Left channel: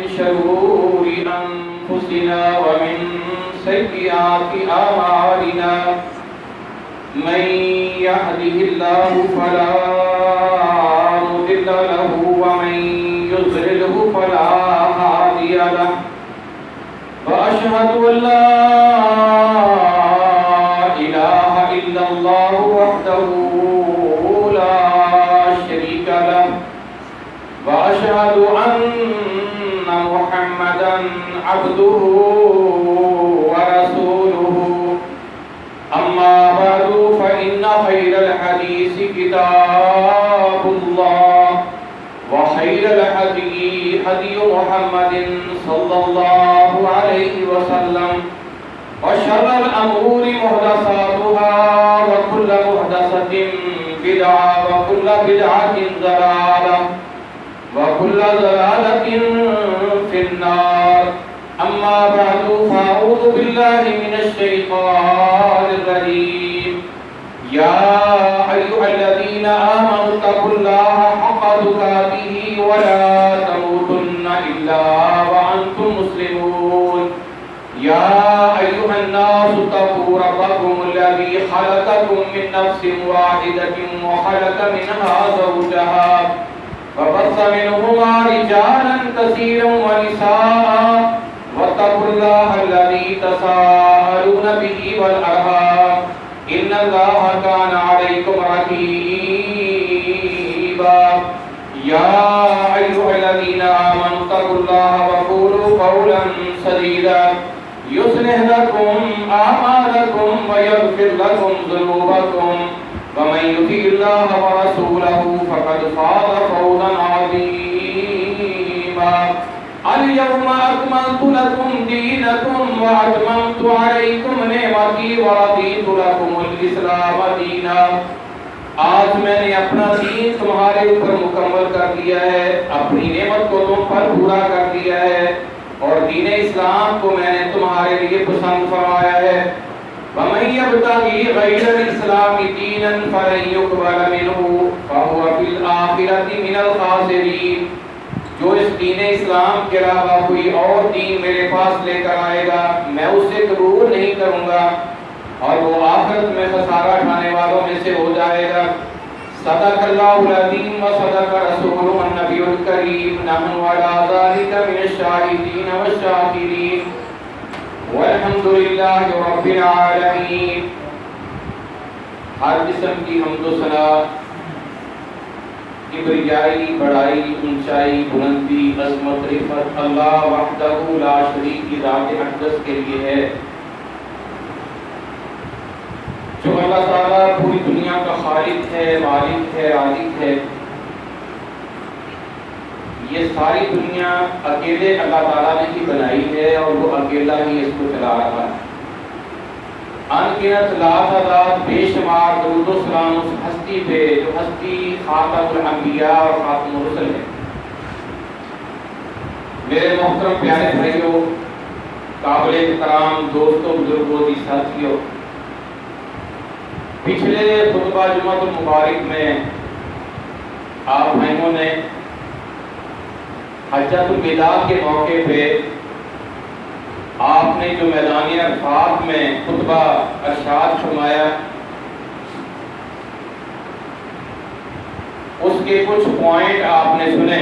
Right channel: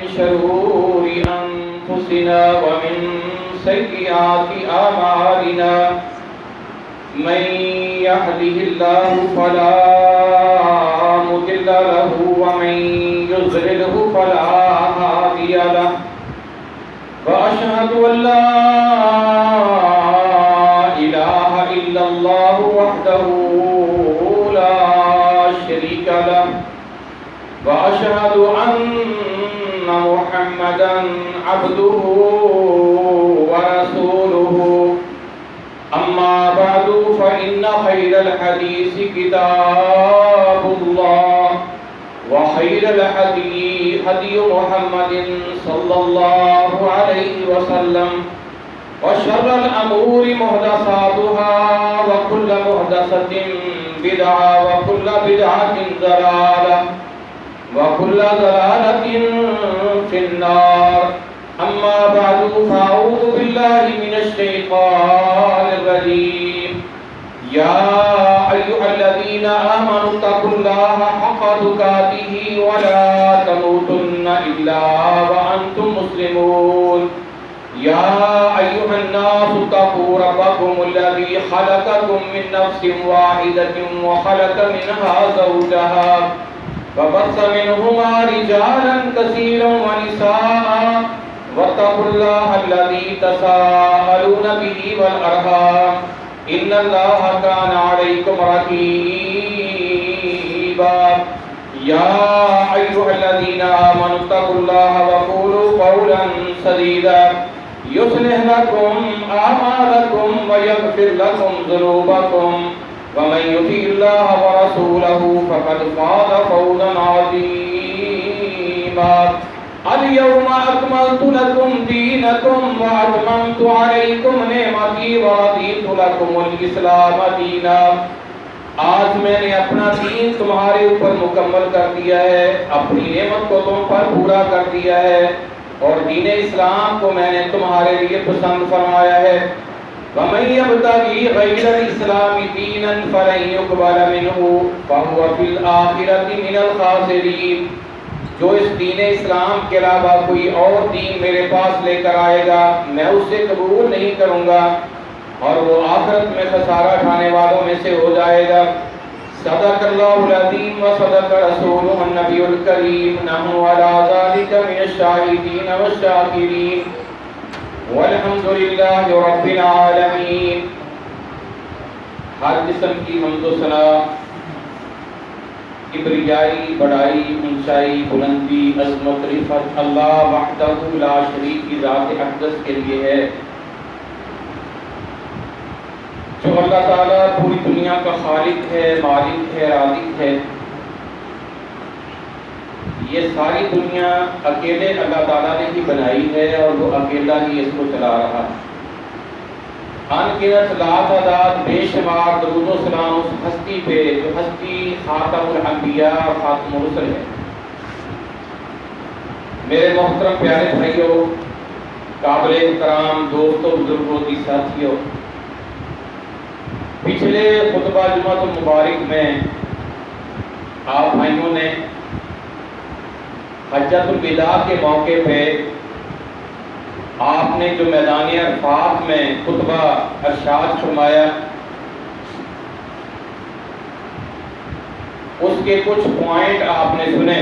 من شرور أنفسنا ومن سيئات أعمالنا من يهده الله فلا مضل له ومن يضلله فلا هادي له وأشهد أن لا إله إلا الله وحده لا شريك له وأشهد أن محمدا عبده ورسوله أما بعد فإن خير الحديث كتاب الله وخير الهدي هدي محمد صلى الله عليه وسلم وشر الأمور محدثاتها وكل محدثة بدعة وكل بدعة ضلالة وكل ضلالة في النار أما بعد فأعوذ بالله من الشيطان الرجيم يا أيها الذين آمنوا اتقوا الله حق تقاته ولا تموتن إلا وأنتم مسلمون يا أيها الناس اتقوا ربكم الذي خلقكم من نفس واحدة وخلق منها زوجها وبث منهما رجالا كثيرا ونساء واتقوا الله الذي تساءلون به والأرحام إن الله كان عليكم رقيبا يا أيها الذين آمنوا اتقوا الله وقولوا قولا سديدا يصلح لكم أعمالكم ويغفر لكم ذنوبكم ومن يطع الله ورسوله فقد فاز فوزا عظيما اليوم أكملت لكم دينكم وأتممت عليكم نعمتي ورضيت لكم الإسلام دينا آج میں نے اپنا دین تمہارے اوپر مکمل کر دیا ہے، اپنی نعمت کو تم پر پورا کر دیا ہے اور دین اسلام کو میں نے تمہارے لیے پسند فرمایا ہے۔ وَمَن يَبْتَغِي غَيْرَ الْإِسْلَامِ دِينًا فَلَن يُقْبَلَ مِنْهُ وَهُوَ فِي الْآخِرَةِ مِنَ الْخَاسِرِينَ۔ جو اس دین اسلام کے علاوہ کوئی اور دین میرے پاس لے کر آئے گا میں اسے قبول نہیں کروں گا اور وہ آخرت میں خسارہ اٹھانے والوں میں سے ہو جائے گا۔ صدق اللہ العظیم و صدق رسولہ النبی الکریم، نحن علی ذلک من الشاہدین والشاکرین والحمد للہ رب العالمین۔ ہر قسم کی حمد و ثنا، کبریائی، بڑائی، اونچائی، بلندی، عظمت، رفعت اللہ وحدہ لا شریک کی ذات اقدس کے لیے ہے، جو اللہ تعالیٰ پوری دنیا کا خالق ہے، مالک ہے، رازق ہے۔ یہ ساری دنیا اکیلے اللہ تعالیٰ نے ہی بنائی ہے اور وہ اکیلا ہی اس کو چلا رہا ہے۔ ان گنت لاتعداد بے شمار درود و سلام اس ہستی پہ جو ہستی خاتم الانبیاء اور خاتم الرسل ہے۔ میرے محترم پیارے بھائیوں، قابل احترام دوستوں، بزرگوں، ساتھیوں، پچھلے خطبہ جمعۃ المبارک میں آپ بھائیوں نے حجۃ الوداع کے موقع پہ آپ نے جو میدان عرفات میں خطبہ ارشاد فرمایا اس کے کچھ پوائنٹ آپ نے سنے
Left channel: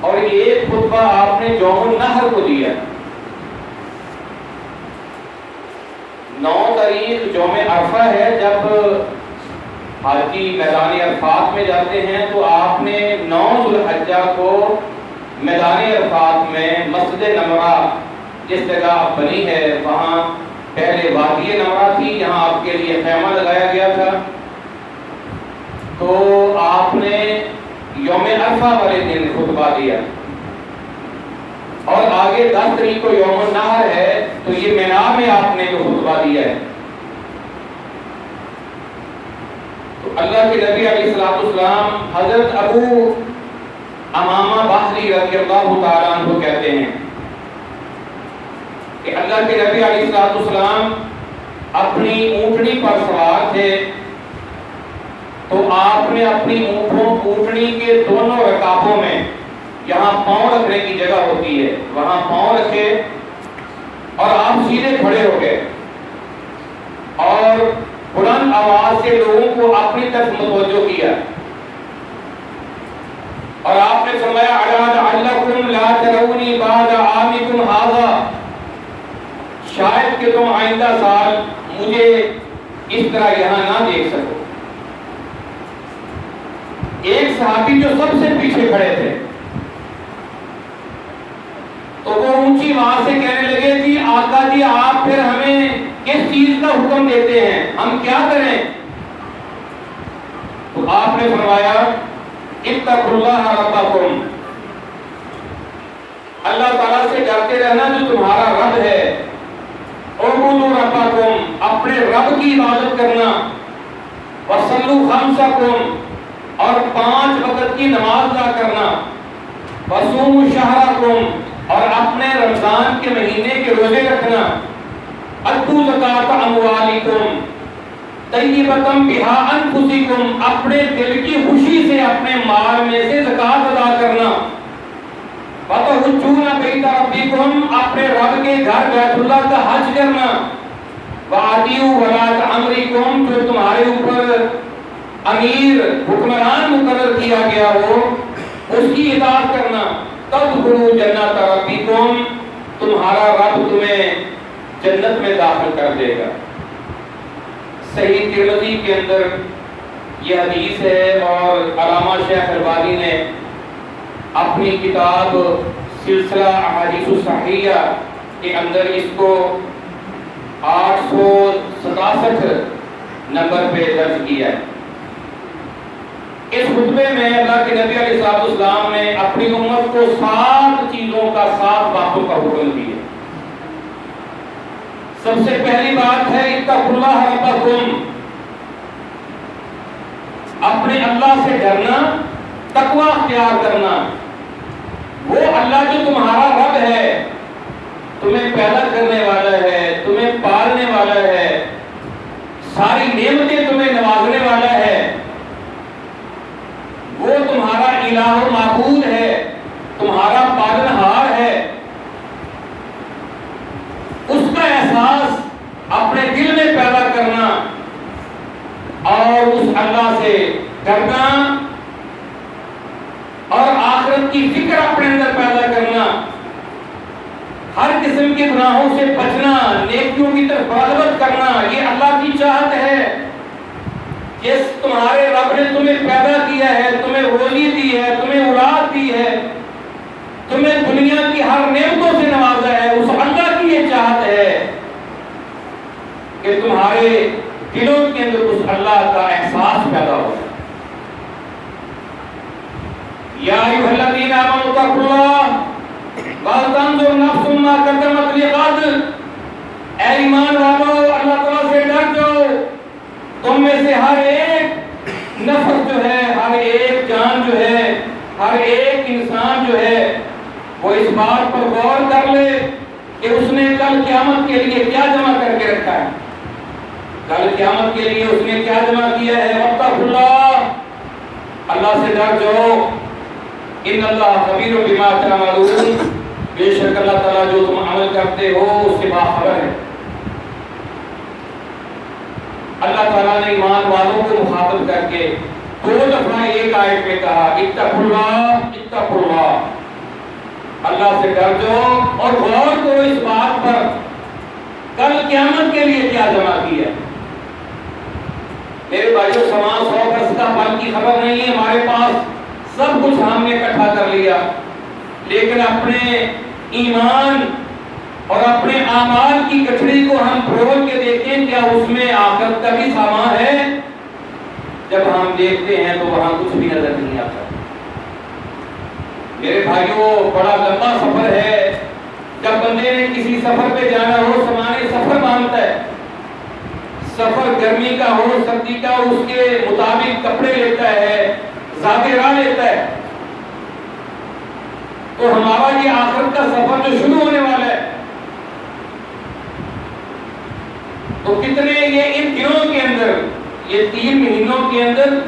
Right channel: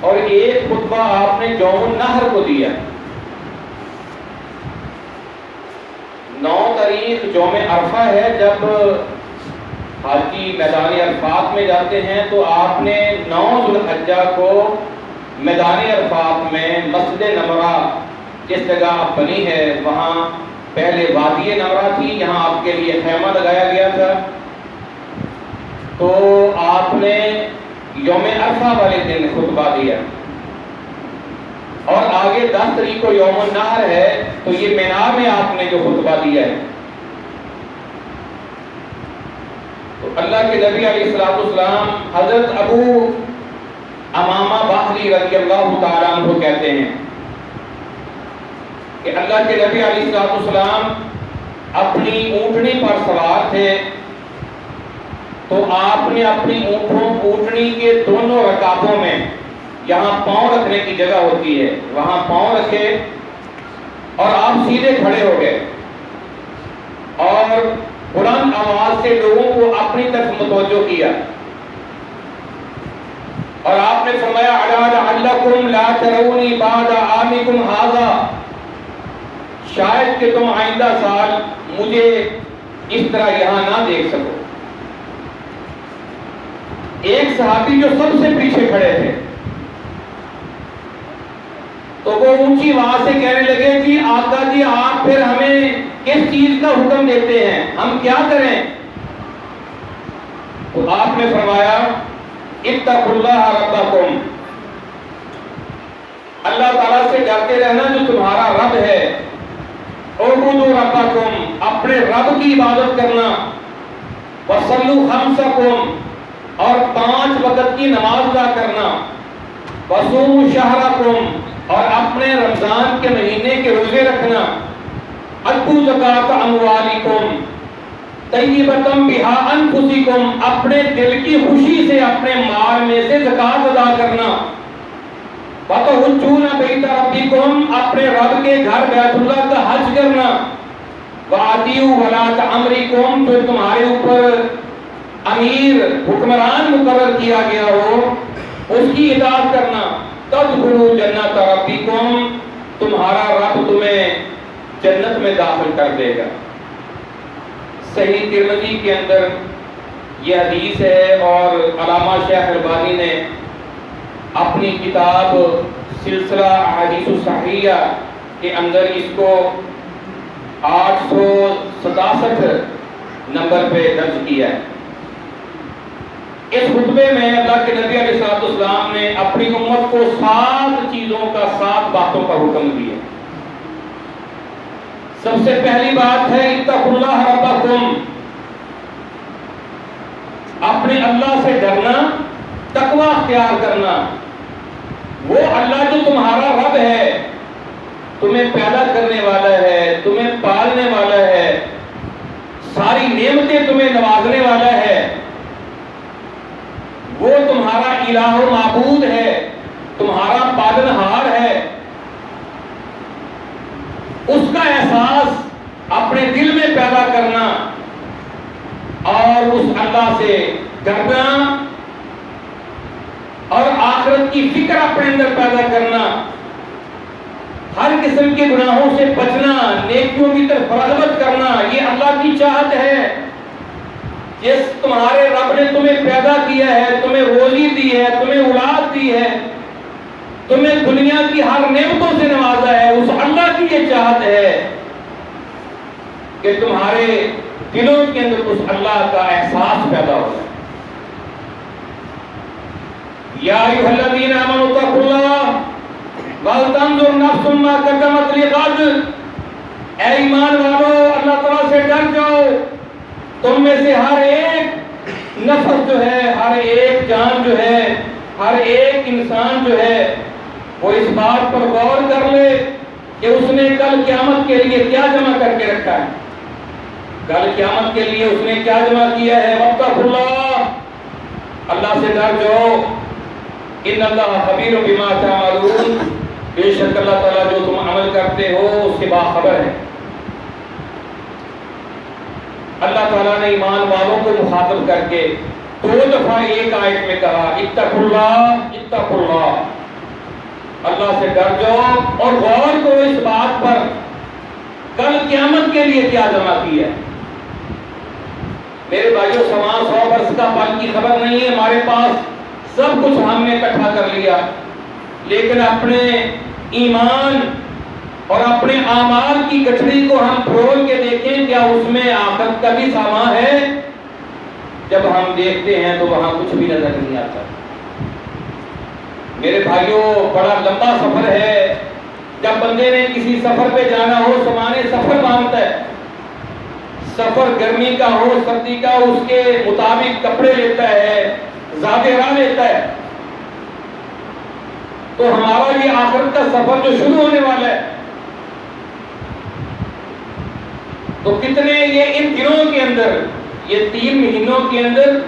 اور ایک خطبہ آپ نے یوم النحر کو دیا۔ 9 تاریخ یوم عرفہ ہے، جب حاجی میدان عرفات میں جاتے ہیں تو آپ نے 9 ذو الحجہ کو میدان عرفات میں مسجد نمرہ جس جگہ بنی ہے وہاں پہلے وادی نمرہ تھی، یہاں آپ کے لیے خیمہ لگایا گیا تھا، تو آپ نے یوم عرفہ والے دن خطبہ دیا اور آگے 10 تاریخ کو یوم النحر ہے تو یہ مینا میں آپ نے جو خطبہ دیا ہے۔ تو اللہ کے نبی علیہ السلام حضرت ابو امامہ باہلی رضی اللہ تعالیٰ عنہ کہتے ہیں کہ اللہ کے نبی علیہ السلام اپنی اونٹنی پر سوار تھے تو آپ نے اپنی اونٹنی کے دونوں رکابوں میں جہاں پاؤں رکھنے کی جگہ ہوتی ہے وہاں پاؤں رکھے اور آپ سیدھے کھڑے ہو گئے اور بلند آواز سے لوگوں کو اپنی طرف متوجہ کیا اور آپ نے فرمایا الا لعلکم لا ترونی بعد عامکم ھذا، شاید کہ تم آئندہ سال مجھے اس طرح یہاں نہ دیکھ سکو۔ ایک صحابی جو سب سے پیچھے کھڑے تھے تو وہ اونچی آواز سے کہنے لگے جی آقا جی آپ پھر ہمیں کس چیز کا حکم دیتے ہیں، ہم کیا کریں؟ تو آپ نے فرمایا اتقوا اللہ ربکم، اللہ تعالیٰ سے ڈرتے رہنا جو تمہارا رب ہے، اعبدوا ربکم، اپنے رب کی عبادت کرنا، وصلوا خمسکم، اور 5 وقت کی نماز ادا کرنا، وصوموا شہرکم، اور اپنے رمضان کے مہینے کے روزے رکھنا، ادوا زکات اموالکم طیبۃ بہا انفسکم، اپنے دل کی خوشی سے اپنے مال میں سے زکات ادا کرنا، وتحجون بیت ربکم، اپنے رب کے گھر بیت اللہ کا حج کرنا، واطیعوا ولاۃ امرکم، جو تمہارے اوپر امیر حکمران مقرر کیا گیا ہو اس کی اطاعت کرنا، تدخلوا جنت ربکم، تمہارا رب تمہیں جنت میں داخل کر دے گا۔ صحیح ترمذی کے اندر یہ حدیث ہے اور علامہ شیخ البانی نے اپنی کتاب سلسلہ احادیث الصحیحہ کے اندر اس کو 867 نمبر پہ درج کیا ہے۔ اس خطبے میں اللہ کے نبی علیہ السلام نے اپنی امت کو 7 چیزوں کا 7 باتوں کا حکم دیا۔ سب سے پہلی بات ہے اتقوا اللہ ربکم، اپنے اللہ سے ڈرنا، تقوی اختیار کرنا۔ وہ اللہ جو تمہارا رب ہے، تمہیں پیدا کرنے والا ہے، تمہیں پالنے والا ہے، ساری نعمتیں تمہیں نوازنے والا ہے، وہ تمہارا الہ و معبود ہے، تمہارا پالنہار ہے، اس کا احساس اپنے دل میں پیدا کرنا اور اس اللہ سے ڈرنا اور آخرت کی فکر اپنے اندر پیدا کرنا، ہر قسم کے گناہوں سے بچنا، نیکیوں کی طرف رغبت کرنا، یہ اللہ کی چاہت ہے۔ جس تمہارے رب نے تمہیں پیدا کیا ہے، تمہیں روزی دی ہے، تمہیں اولاد دی ہے، تمہیں دنیا کی ہر نعمتوں سے نوازا ہے، اس اللہ کی یہ چاہت ہے کہ تمہارے دلوں کے اندر اس اللہ کا احساس پیدا ہو۔ یا ایھا الذین آمنوا اتقوا اللہ ولتنظر نفس ما قدمت لغد، اے ایمان والو اللہ تعالیٰ سے ڈر جاؤ، تم میں سے ہر ایک نفس جو ہے، ہر ایک جان جو ہے، ہر ایک انسان جو ہے وہ اس بات پر غور کر لے کہ اس نے کل قیامت کے لیے کیا جمع کر کے رکھا ہے، کل قیامت کے لیے اس نے کیا جمع کیا ہے۔ واتقوا اللہ، اللہ سے ڈر جاؤ، ان اللہ خبیر بما تعملون، بے شک اللہ تعالیٰ جو تم عمل کرتے ہو اس سے باخبر ہے۔ اللہ تعالیٰ نے ایمان والوں کو مخاطب کر کے 2 دفعہ ایک آیت میں کہا اتقوا اللہ، اتقوا اللہ، اللہ سے ڈر جاؤ اور غور کرو اس بات پر کل قیامت کے لیے کیا جمع کیا۔ میرے بھائیوں، سما 100 برس کا پل کی خبر نہیں ہے، ہمارے پاس سب کچھ ہم نے اکٹھا کر لیا، لیکن اپنے ایمان اور اپنے اعمال کی گٹھڑی کو ہم پرول کے دیکھیں، کیا اس میں آخرت کا بھی سامان ہے؟ جب ہم دیکھتے ہیں تو وہاں کچھ بھی نظر نہیں آتا۔ میرے بھائیوں، بڑا لمبا سفر ہے، جب بندے نے کسی سفر پہ جانا ہو سامان سفر باندھتا ہے، سفر گرمی کا ہو سردی کا، اس کے مطابق کپڑے لیتا ہے، زادے راہ لیتا ہے۔ تو ہمارا یہ آخرت کا سفر جو شروع ہونے والا ہے، تو کتنے یہ ان دنوں کے اندر، یہ 3 مہینوں کے اندر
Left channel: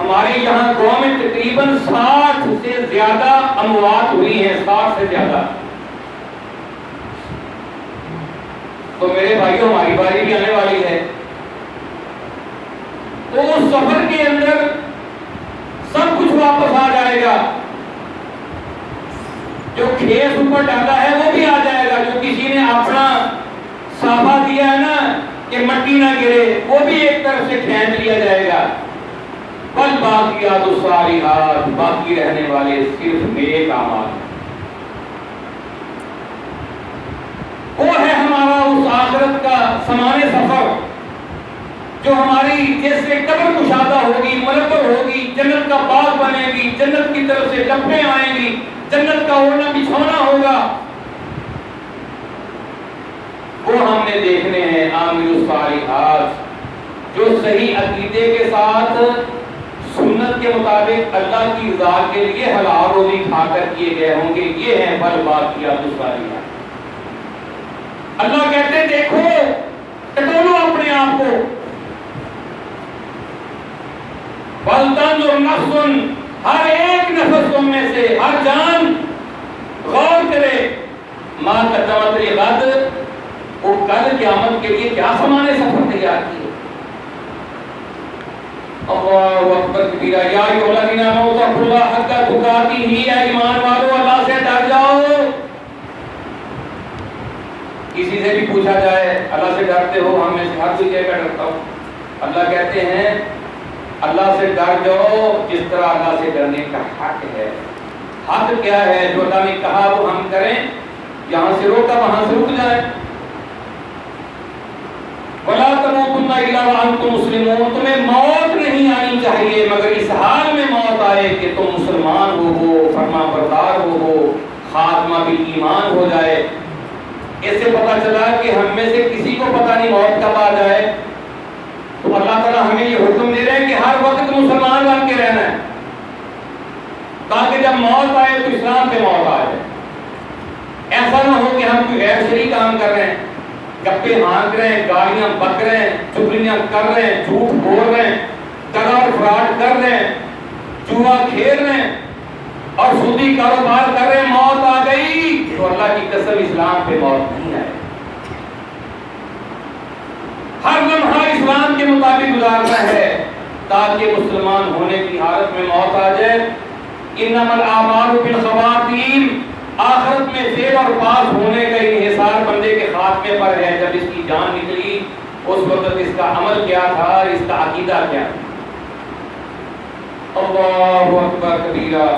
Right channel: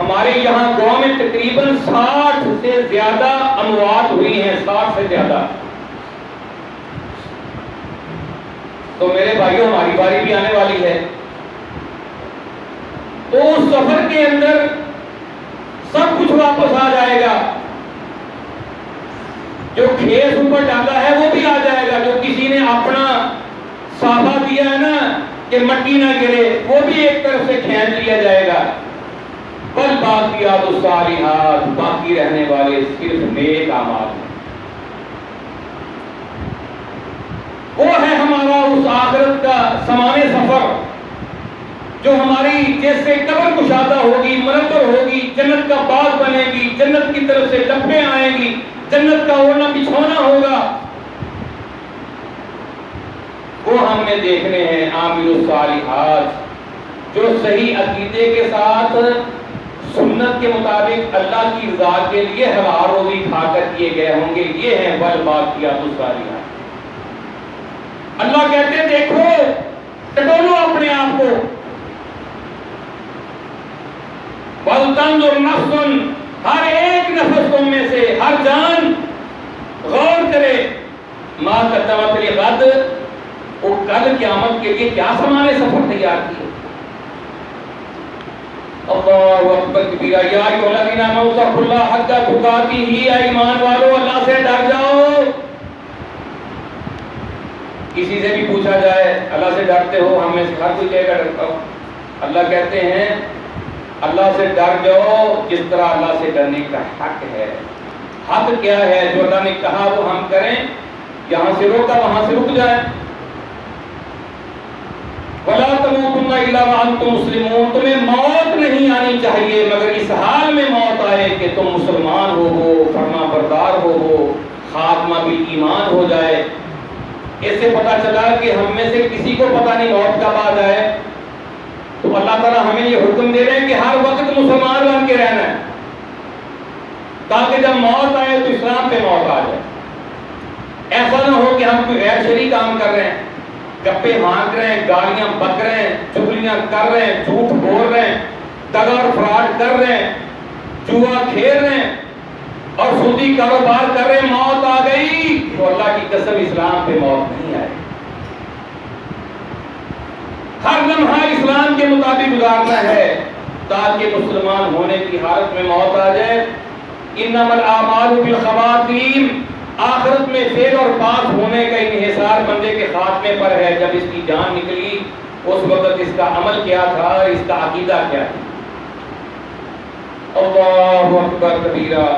ہمارے یہاں گاؤں میں تقریباً 60 سے زیادہ اموات ہوئی ہیں، 60 سے زیادہ. تو میرے بھائیوں ہماری باری بھی آنے والی ہے. تو اس سفر کے اندر سب کچھ واپس آ جائے گا. جو کھیس اوپر ڈالا ہے وہ بھی آ جائے گا. جو کسی نے اپنا صافہ دیا ہے نا کہ مٹی نہ گرے، وہ بھی ایک طرف سے کھینچ لیا جائے گا. بل باقیات الصالحات، باقی رہنے والے صرف نیک اعمال. وہ ہے ہمارا اس آخرت کا سمان سفر جو ہماری جیسے قبر کشادہ ہوگی، منور ہوگی، جنت کا باغ بنے گی، جنت کی طرف سے ڈبے آئیں گی، جنت کا اوڑھنا بچھونا ہوگا. وہ ہم نے دیکھنے ہیں. عامل الصالحات جو صحیح عقیدے کے ساتھ سنت کے مطابق اللہ کی رضا کے لیے حلال روزی کھا کر کیے گئے ہوں گے. یہ ہیں بل باقیات الصالحات. اللہ کہتے ہیں دیکھو، ٹٹولو اپنے آپ کو. وَلْتَنْظُرْ نَفْسٌ، ہر ایک نفس تم میں سے، ہر جان غور کرے. مَا قَدَّمَتْ لِغَدٍ، وہ کل قیامت کے لیے کیا سامان سفر تیار کیے. اللہ اکبر کبیرہ. یا ایھا الذین آمنوا اتقوا اللہ حق تقاتہ، اے ایمان والو اللہ سے ڈر جاؤ. کسی سے بھی پوچھا جائے اللہ سے ڈرتے ہو، ہم میں سے ہر کوئی کہے گا ڈرتا ہوں. اللہ کہتے ہیں اللہ سے ڈر جاؤ جس طرح اللہ سے ڈرنے کا حق ہے. حق کیا ہے؟ جو اللہ نے کہا وہ ہم کریں، یہاں سے روکا وہاں سے رک جائے. وَلَا تَمُوتُنَّ إِلَّا وَأَنْتُمْ مُسْلِمُونَ، تمہیں موت نہیں آنی چاہیے مگر اس حال میں موت آئے کہ تم مسلمان ہو، فرما بردار ہو، خاتمہ بھی ایمان ہو جائے. اس سے پتہ چلا کہ ہم میں سے کسی کو پتہ نہیں موت کب آ جائے. تو اللہ تعالیٰ ہمیں یہ حکم دے رہے ہیں کہ ہر وقت مسلمان بن کے رہنا ہے، تاکہ جب موت آئے تو اسلام پہ موت آ جائے. ایسا نہ ہو کہ ہم کوئی غیر شرعی کام کر رہے ہیں، گپے ہانک رہے ہیں، گالیاں بک رہے ہیں، چغلیاں کر رہے ہیں، جھوٹ بول رہے ہیں، دغا اور فراڈ کر رہے ہیں، جوا کھیل رہے ہیں اور سودی کاروبار کر رہے ہیں. موت آ گئی تو اللہ کی قسم اسلام پہ موت نہیں آئے. ہر لمحہ اسلام کے مطابق گزارنا ہے تاکہ مسلمان ہونے کی حالت میں موت آ جائے. انما الاعمال بالخواتیم، آخرت میں فیل اور پاس ہونے کا انحصار بندے کے خاتمے پر ہے. جب اس کی جان نکلی اس وقت اس کا عمل کیا تھا، اس کا عقیدہ کیا تھا. اللہ اکبر کبیرہ.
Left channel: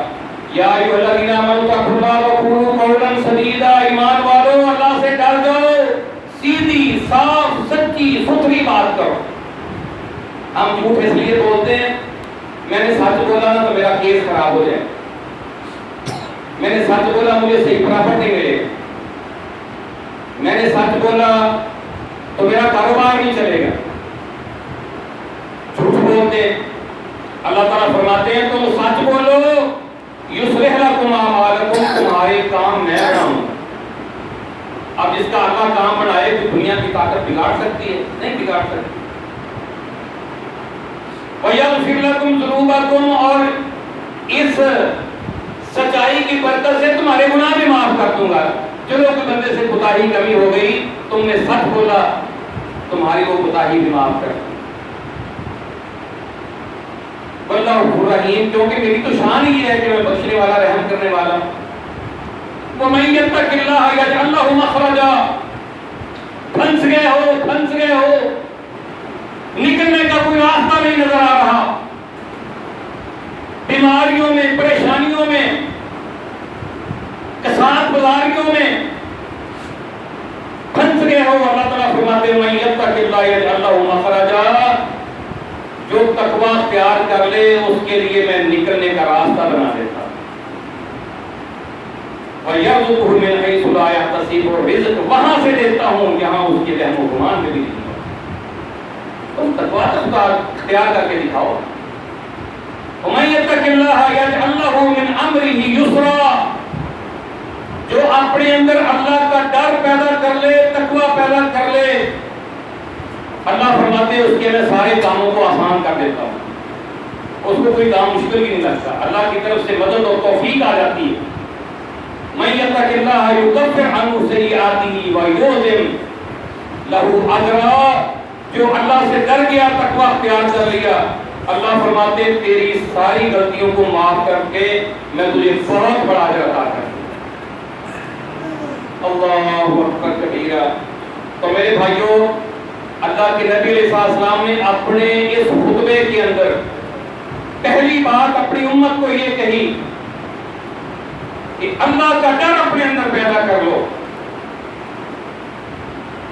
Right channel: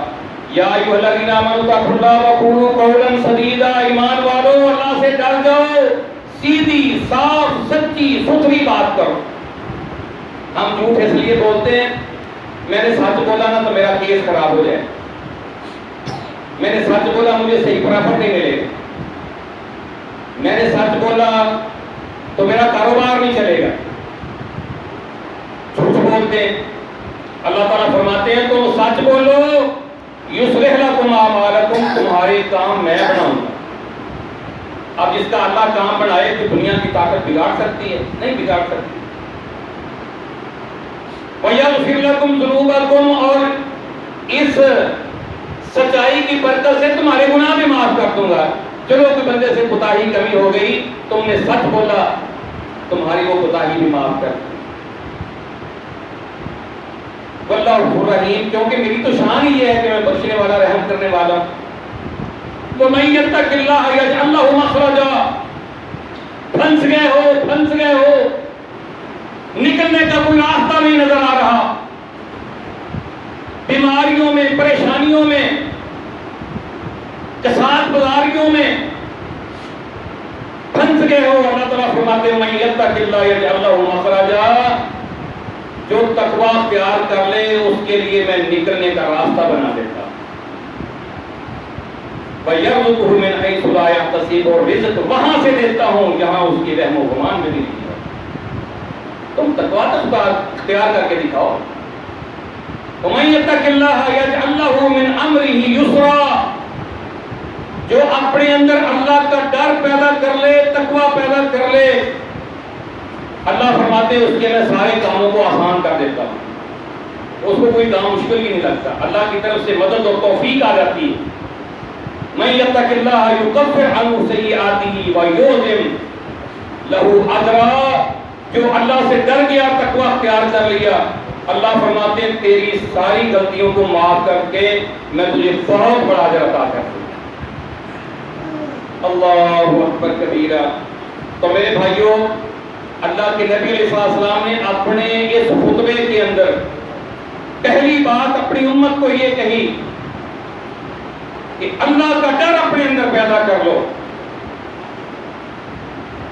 یا ایھا الذین آمنوا اتقوا اللہ وقولوا قولا سدیدا، ایمان والو اللہ سے ڈر جاؤ، سیدھی صاف سچی ستھری بات کرو. ہم جھوٹ اس لیے بولتے ہیں میں نے سچ بولا نا تو میرا کیس خراب ہو جائے، میں نے سچ بولا مجھے صحیح پرافٹ نہیں ملے، میں نے سچ بولا تو میرا کاروبار نہیں چلے گا. جھوٹ بولتے ہیں. اللہ تعالیٰ فرماتے ہیں تم سچ بولو، یصلح لکم اعمالکم، تمہارے کام میں بناؤں گا. اب جس کا اللہ کام بنائے تو دنیا کی طاقت بگاڑ سکتی ہے؟ نہیں بگاڑ سکتی. وَيَغْفِرْ لَكُمْ ذُنُوبَكُمْ، اور اس سچائی کی برکت سے تمہارے گناہ بھی معاف کر دوں گا. چلو کہ بندے سے کوتاہی کمی ہو گئی، تم نے سچ بولا، تمہاری وہ کوتاہی بھی معاف کر دی. واللہ غفور رحیم، کیونکہ میری تو شان ہی ہے کہ میں بخشنے والا رحم کرنے والا ہوں. وَمَن يَتَّقِ اللَّهَ يَجْعَل لَّهُ مَخْرَجًا، پھنس گئے ہو، نکلنے کا کوئی راستہ نہیں نظر آ رہا، بیماریوں میں، پریشانیوں میں، کساد گزاریوں میں پھنس گئے ہو. اللہ تعالیٰ فرماتے ہیں وَمَن يَتَّقِ اللَّهَ يَجْعَل لَّهُ مَخْرَجًا، جو تقوی اختیار کر لے اس کے لیے میں نکلنے کا راستہ بنا دیتا ہوں. وَيَرْزُقْهُ مِنْ حَيْثُ لَا يَحْتَسِبُ، اور رزق وہاں سے دیتا ہوں جہاں اس کی وہم و گمان میں نہیں ہے. تم تقوی اختیار کر کے دکھاؤ. وَمَن يَتَّقِ اللَّهَ يَجْعَل لَّهُ مِنْ أَمْرِهِ يُسْرًا، جو اپنے اندر اللہ کا ڈر پیدا کر لے، تقوی پیدا کر لے، اللہ فرماتے ہیں اس کے میں سارے کاموں کو آسان کر دیتا ہوں. اس کو کوئی کام مشکل ہی نہیں لگتا، اللہ کی طرف سے مدد اور توفیق آ جاتی ہے۔ من یتق اللہ یکفر عنہ سیئاتہ ویعظم لہ اجرا، جو اللہ سے ڈر گیا، تقوی اختیار کر لیا، اللہ فرماتے ہیں تیری ساری غلطیوں کو معاف کر کے میں تجھے بہت بڑا اجر عطا کروں۔ اللہ اکبر کبیرہ۔ تو میرے بھائیوں، اللہ کے نبی علیہ السلام نے اپنے اس خطبے کے اندر پہلی بات اپنی امت کو یہ کہی کہ اللہ کا ڈر اپنے اندر پیدا کر لو۔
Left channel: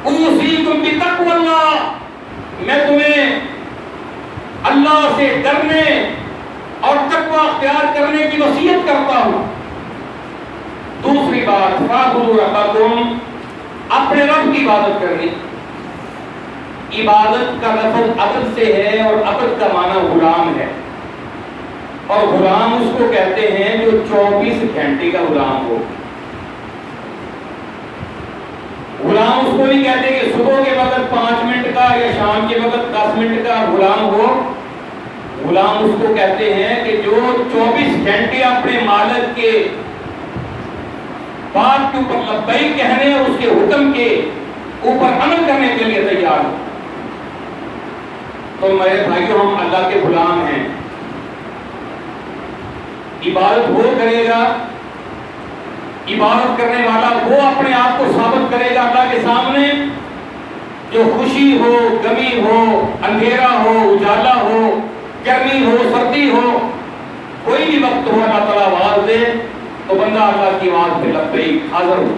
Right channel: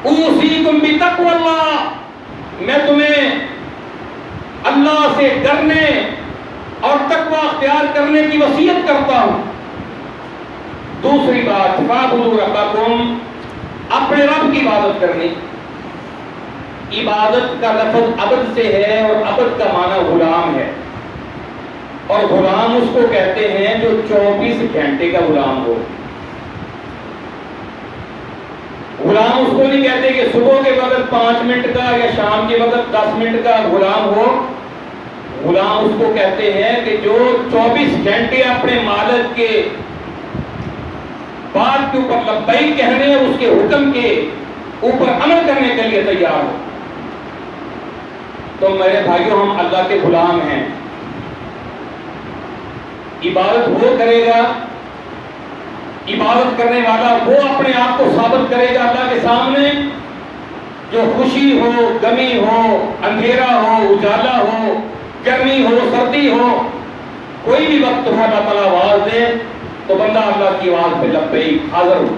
اوصیکم بتقوی اللہ، میں تمہیں اللہ سے ڈرنے اور تقوی اختیار کرنے کی وصیت کرتا ہوں۔ دوسری بات، فاعبدوا ربکم، اپنے رب کی عبادت کرنی۔ عبادت کا لفظ عبد سے ہے اور عبد کا معنی غلام ہے، اور غلام اس کو کہتے ہیں جو 24 گھنٹے کا غلام ہو۔ غلام اس کو نہیں کہتے کہ صبح کے وقت 5 منٹ کا یا شام کے وقت 10 منٹ کا غلام ہو۔ غلام اس کو کہتے ہیں کہ جو 24 گھنٹے اپنے مالک کے بات کے اوپر لبیک کہنے اور اس کے حکم کے اوپر عمل کرنے کے لیے تیار ہو۔ تو میرے بھائیوں، ہم اللہ کے غلام ہیں۔ عبادت وہ کرے گا، عبادت کرنے والا وہ اپنے آپ کو ثابت کرے گا اللہ کے سامنے، جو خوشی ہو، غمی ہو، اندھیرا ہو، اجالا ہو، گرمی ہو، سردی ہو، کوئی بھی وقت ہو، اللہ تعالیٰ آواز دے تو بندہ اللہ کی آواز پہ لبیک حاضر ہو۔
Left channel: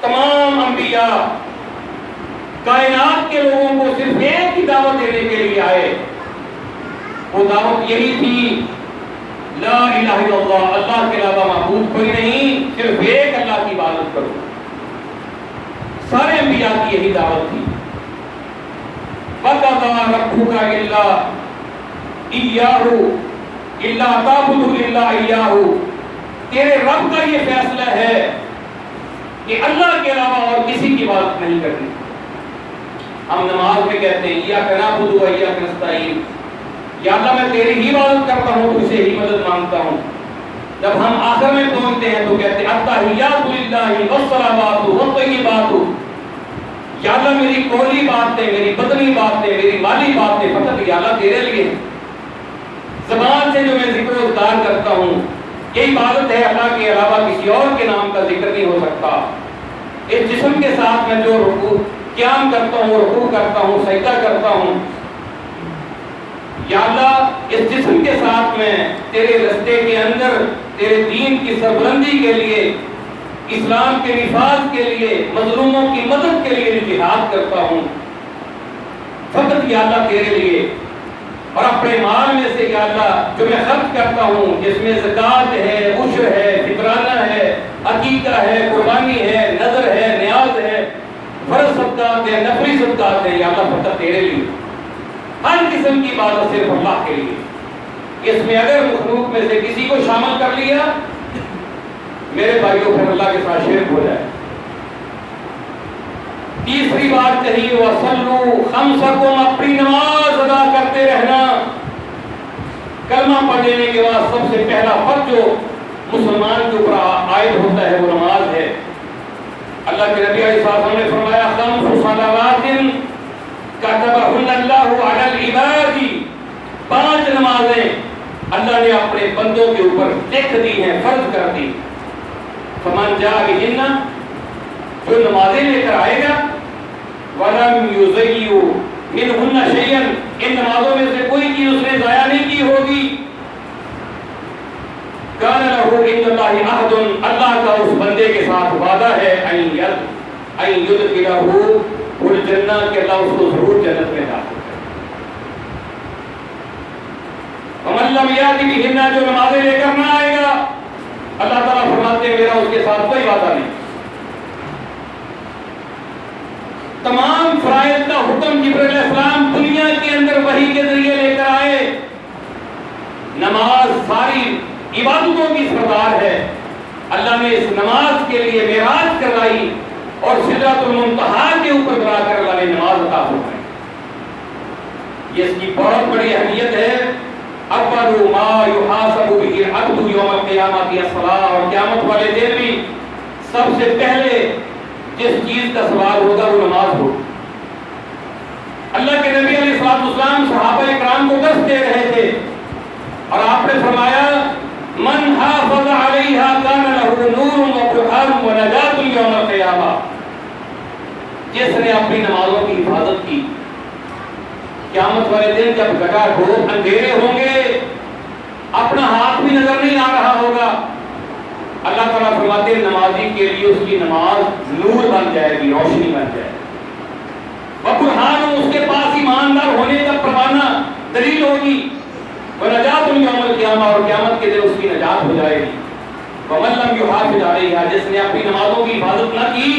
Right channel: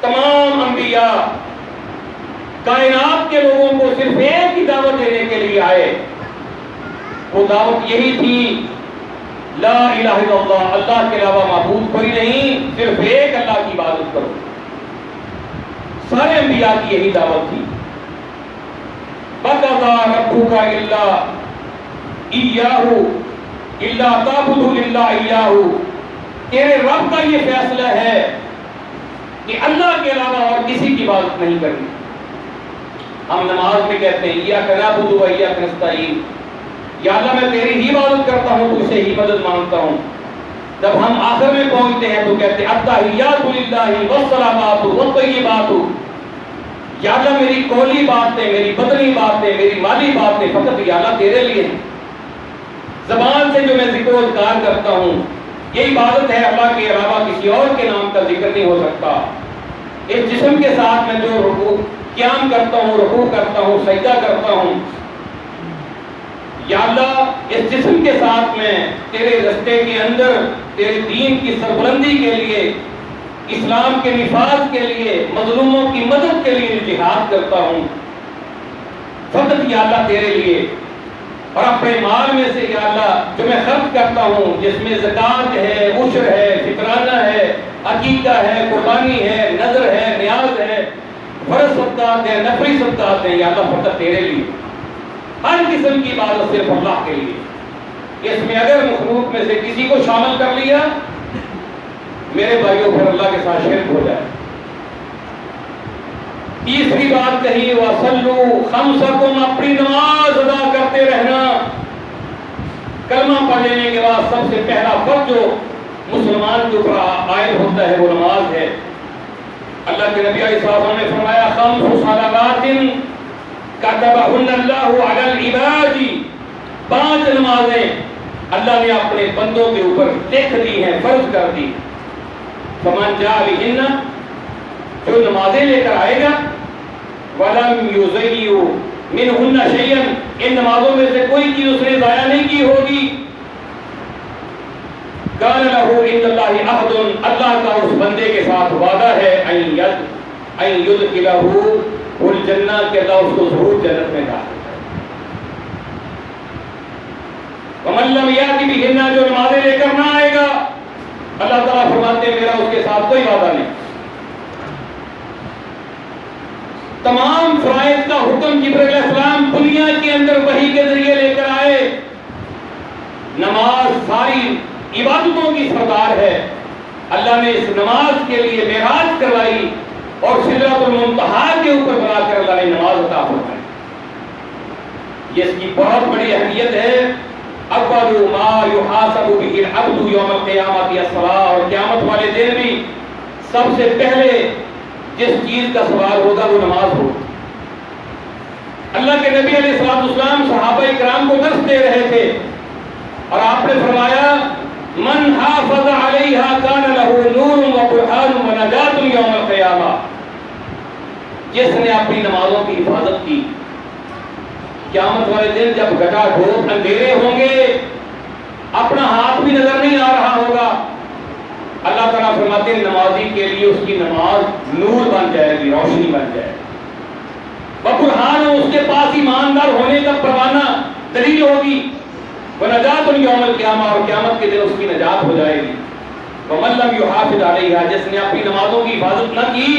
تمام انبیاء کائنات کے لوگوں کو صرف ایک ہی دعوت دینے کے لیے آئے، وہ دعوت یہی تھی، لا الہ الا اللہ، اللہ کے علاوہ معبود کوئی نہیں، صرف ایک اللہ کی عبادت کرو۔ سارے انبیاء کی یہی دعوت تھی۔ وَقَضَىٰ رَبُّكَ إِلَّا إِيَّاهُ إِلَّا تَعْبُدُوا إِلَّا إِيَّاهُ، تیرے رب کا یہ فیصلہ ہے کہ اللہ کے علاوہ اور کسی کی عبادت نہیں کرنی۔ ہم نماز میں کہتے ہیں ایاک نعبد و ایاک نستعین، یا اللہ میں تیری ہی عبادت کرتا ہوں، تجھ سے ہی مدد مانگتا ہوں۔ جب ہم آخر میں پہنچتے ہیں تو کہتے ہیں التحیات للہ والصلوات والطیبات، یا اللہ میری قولی باتیں، میری بدنی باتیں، میری مالی باتیں فقط یا اللہ تیرے لیے ہیں۔ زبان سے جو میں ذکر و اذکار کرتا ہوں یہ عبادت ہے، اللہ کے علاوہ کسی اور کے نام کا ذکر نہیں ہو سکتا۔ اس جسم کے ساتھ میں جو رکوع قیام کرتا ہوں، رکوع کرتا ہوں، سجدہ کرتا ہوں، یا اللہ اس جسم کے ساتھ میں تیرے رستے کے اندر تیرے دین کی سربلندی کے لیے، اسلام کے نفاذ کے لیے، مظلوموں کی مدد کے لیے جہاد کرتا ہوں، فقط یا اللہ تیرے لیے۔ اور اپنے مال میں سے یا اللہ جو میں خرچ کرتا ہوں، جس میں زکوٰۃ ہے، عشر ہے، فطرانہ ہے، عقیقہ ہے، قربانی ہے، نذر ہے، نیاز ہے، فرض صدقات ہے، نفلی صدقات ہیں، یا اللہ فقط تیرے لیے۔ ہر قسم کی عبادت صرف اللہ کے لیے۔ اس میں اگر مخلوق میں سے کسی کو شامل کر لیا، میرے بھائیوں پھر اللہ کے ساتھ شرک ہو جائے۔ تیسری بات کہی وَصَلُّوا خَمْسَكُمْ، اپنی نماز ادا کرتے رہنا۔ کلمہ پڑھ لینے کے بعد سب سے پہلا فرض جو مسلمان کے اوپر عائد ہوتا ہے وہ نماز ہے۔ اللہ کے نبی علیہ السلام نے فرمایا خَمْسُ صَلَوَاتٍ كَتَبَهُنَّ اللَّهُ عَلَى الْعِبَادِ، 5 نمازیں اللہ نے اپنے بندوں کے اوپر لکھ دی ہیں، فرض کر دی۔ فَمَنْ جَاءَ بِهِنَّ، جو نمازیں لے کر آئے گا، وَلَمْ يُضَيِّعْ مِنْهُنَّ شَيْئًا، ان نمازوں میں سے کوئی چیز اس نے ضائع نہیں کی ہوگی، كَانَ لَهُ عِنْدَ اللَّهِ عَهْدٌ، اللہ کا اس بندے کے ساتھ وعدہ ہے أَن يُدْخِلَهُ الجنہ، کہ اللہ اس کو ضرور جنت میں داخل کرے۔ وَمَن لَّمْ يَأْتِ بِهِنَّ، جو نمازیں لے کر نہ آئے گا، اللہ تعالیٰ فرماتے ہیں میرا اس کے ساتھ کوئی وعدہ نہیں۔ تمام فرائض کا حکم جبرائیل علیہ السلام دنیا کے اندر وحی کے ذریعے لے کر آئے۔ نماز ساری عبادتوں کی سردار ہے، اللہ نے اس نماز کے لیے معراج کروائی اور سدرۃ المنتہا کے اوپر بلا کر اللہ نے نماز عطا فرمائی۔ یہ اس کی بہت بڑی اہمیت ہے. اول ما یحاسب به العبد یوم القیامۃ الصلاۃ، اور قیامت والے دن بھی سب سے پہلے جس چیز کا سوال ہوگا وہ نماز ہوگی. اللہ کے نبی علیہ الصلوۃ والسلام صحابہ کرام کو درس دے رہے تھے اور آپ نے فرمایا من حافظ علیہا کان لہ نور و برہان و نجات یوم القیامہ. جس نے اپنی نمازوں کی حفاظت کی، قیامت والے دن جب گٹا ڈھوٹ اندھیرے ہوں گے، اپنا ہاتھ بھی نظر نہیں آ رہا ہوگا، اللہ تعالیٰ فرماتے ہیں نمازی کے لیے اس کی نماز نور بن جائے گی، روشنی بن جائے گی. برہان، اس کے پاس ایماندار ہونے کا پروانہ دلیل ہوگی. ونجات یوم القیامہ، اور قیامت کے دن اس کی نجات ہو جائے گی. ومن لم یحافظ علیہا، جس نے اپنی نمازوں کی حفاظت نہ کی،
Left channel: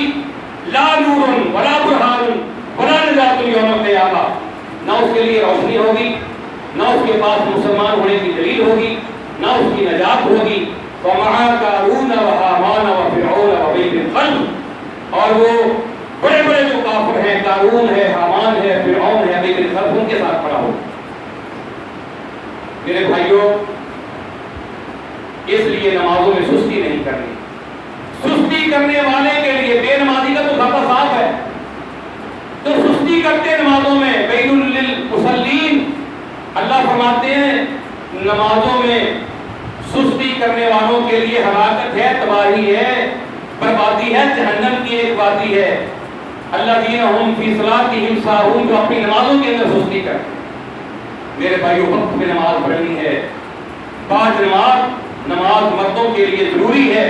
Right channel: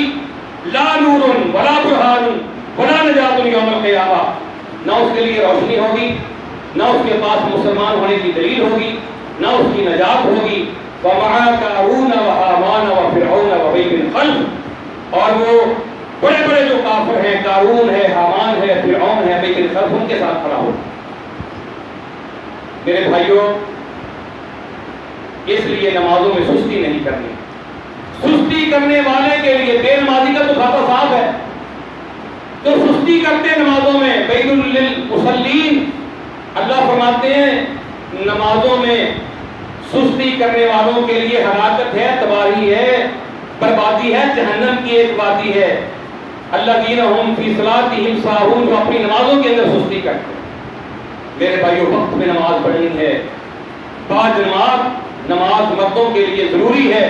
لا نور ولا برہان ولا نجات یوم القیامہ، نہ اس کے لیے روشنی ہوگی، نہ اس کے پاس مسلمان ہونے کی دلیل ہوگی، نہ اس کی نجات ہوگی. ومعا قارون وہامان وفرعون وابی بن خلف، اور وہ بڑے بڑے جو کافر ہیں، قارون ہے، حامان ہے، فرعون ہے، ابی بن خلف، ان کے ساتھ کھڑا ہو. میرے بھائیوں، اس لیے نمازوں میں سستی نہیں کرنی. سستی کرنے والے کے لیے بے نمازی کا تو کھاتا صاف ہے. تو سستی کرتے نمازوں میں ویل للمصلین، اللہ فرماتے ہیں نمازوں میں سستی کرنے والوں کے لیے ہلاکت ہے، تباہی ہے، بربادی ہے، جہنم کی ایک وادی ہے. الذین هم فی صلاتہم ساہون، جو اپنی نمازوں کے اندر سستی کرتے ہیں. میرے بھائیوں، وقت میں نماز پڑھنی ہے. پانچ نماز مردوں کے لیے ضروری ہے.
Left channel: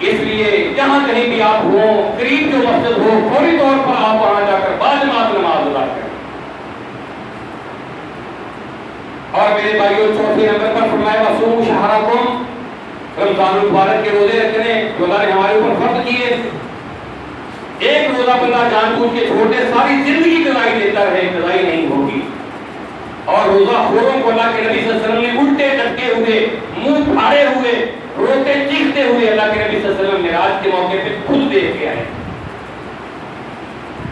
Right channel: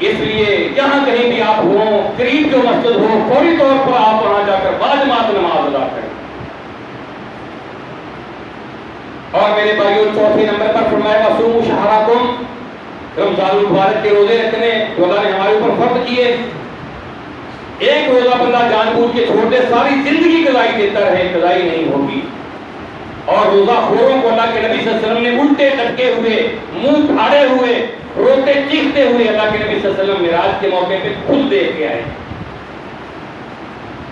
اس لیے جہاں کہیں بھی آپ ہوں، قریب جو مسجد ہو، فوری طور پر آپ وہاں جا کر باجماعت نماز ادا کریں. اور میرے بھائیوں، چوتھے نمبر پر فرمایا وصوموا شہرکم، رمضان المبارک کے روزے رکھنے جو اللہ نے ہمارے اوپر فرض کیے. ایک روزہ بندہ جان بوجھ کے چھوڑ دے، ساری زندگی قضائی دیتا رہے، قضائی نہیں ہوگی. اور روزہ خوروں کو اللہ کے نبی صلی اللہ علیہ وسلم نے الٹے لٹکے ہوئے، منہ پھاڑے ہوئے، روتے چیختے ہوئے اللہ کے نبی صلی اللہ علیہ وسلم معراج کے موقع پہ خود دیکھ کے آئے.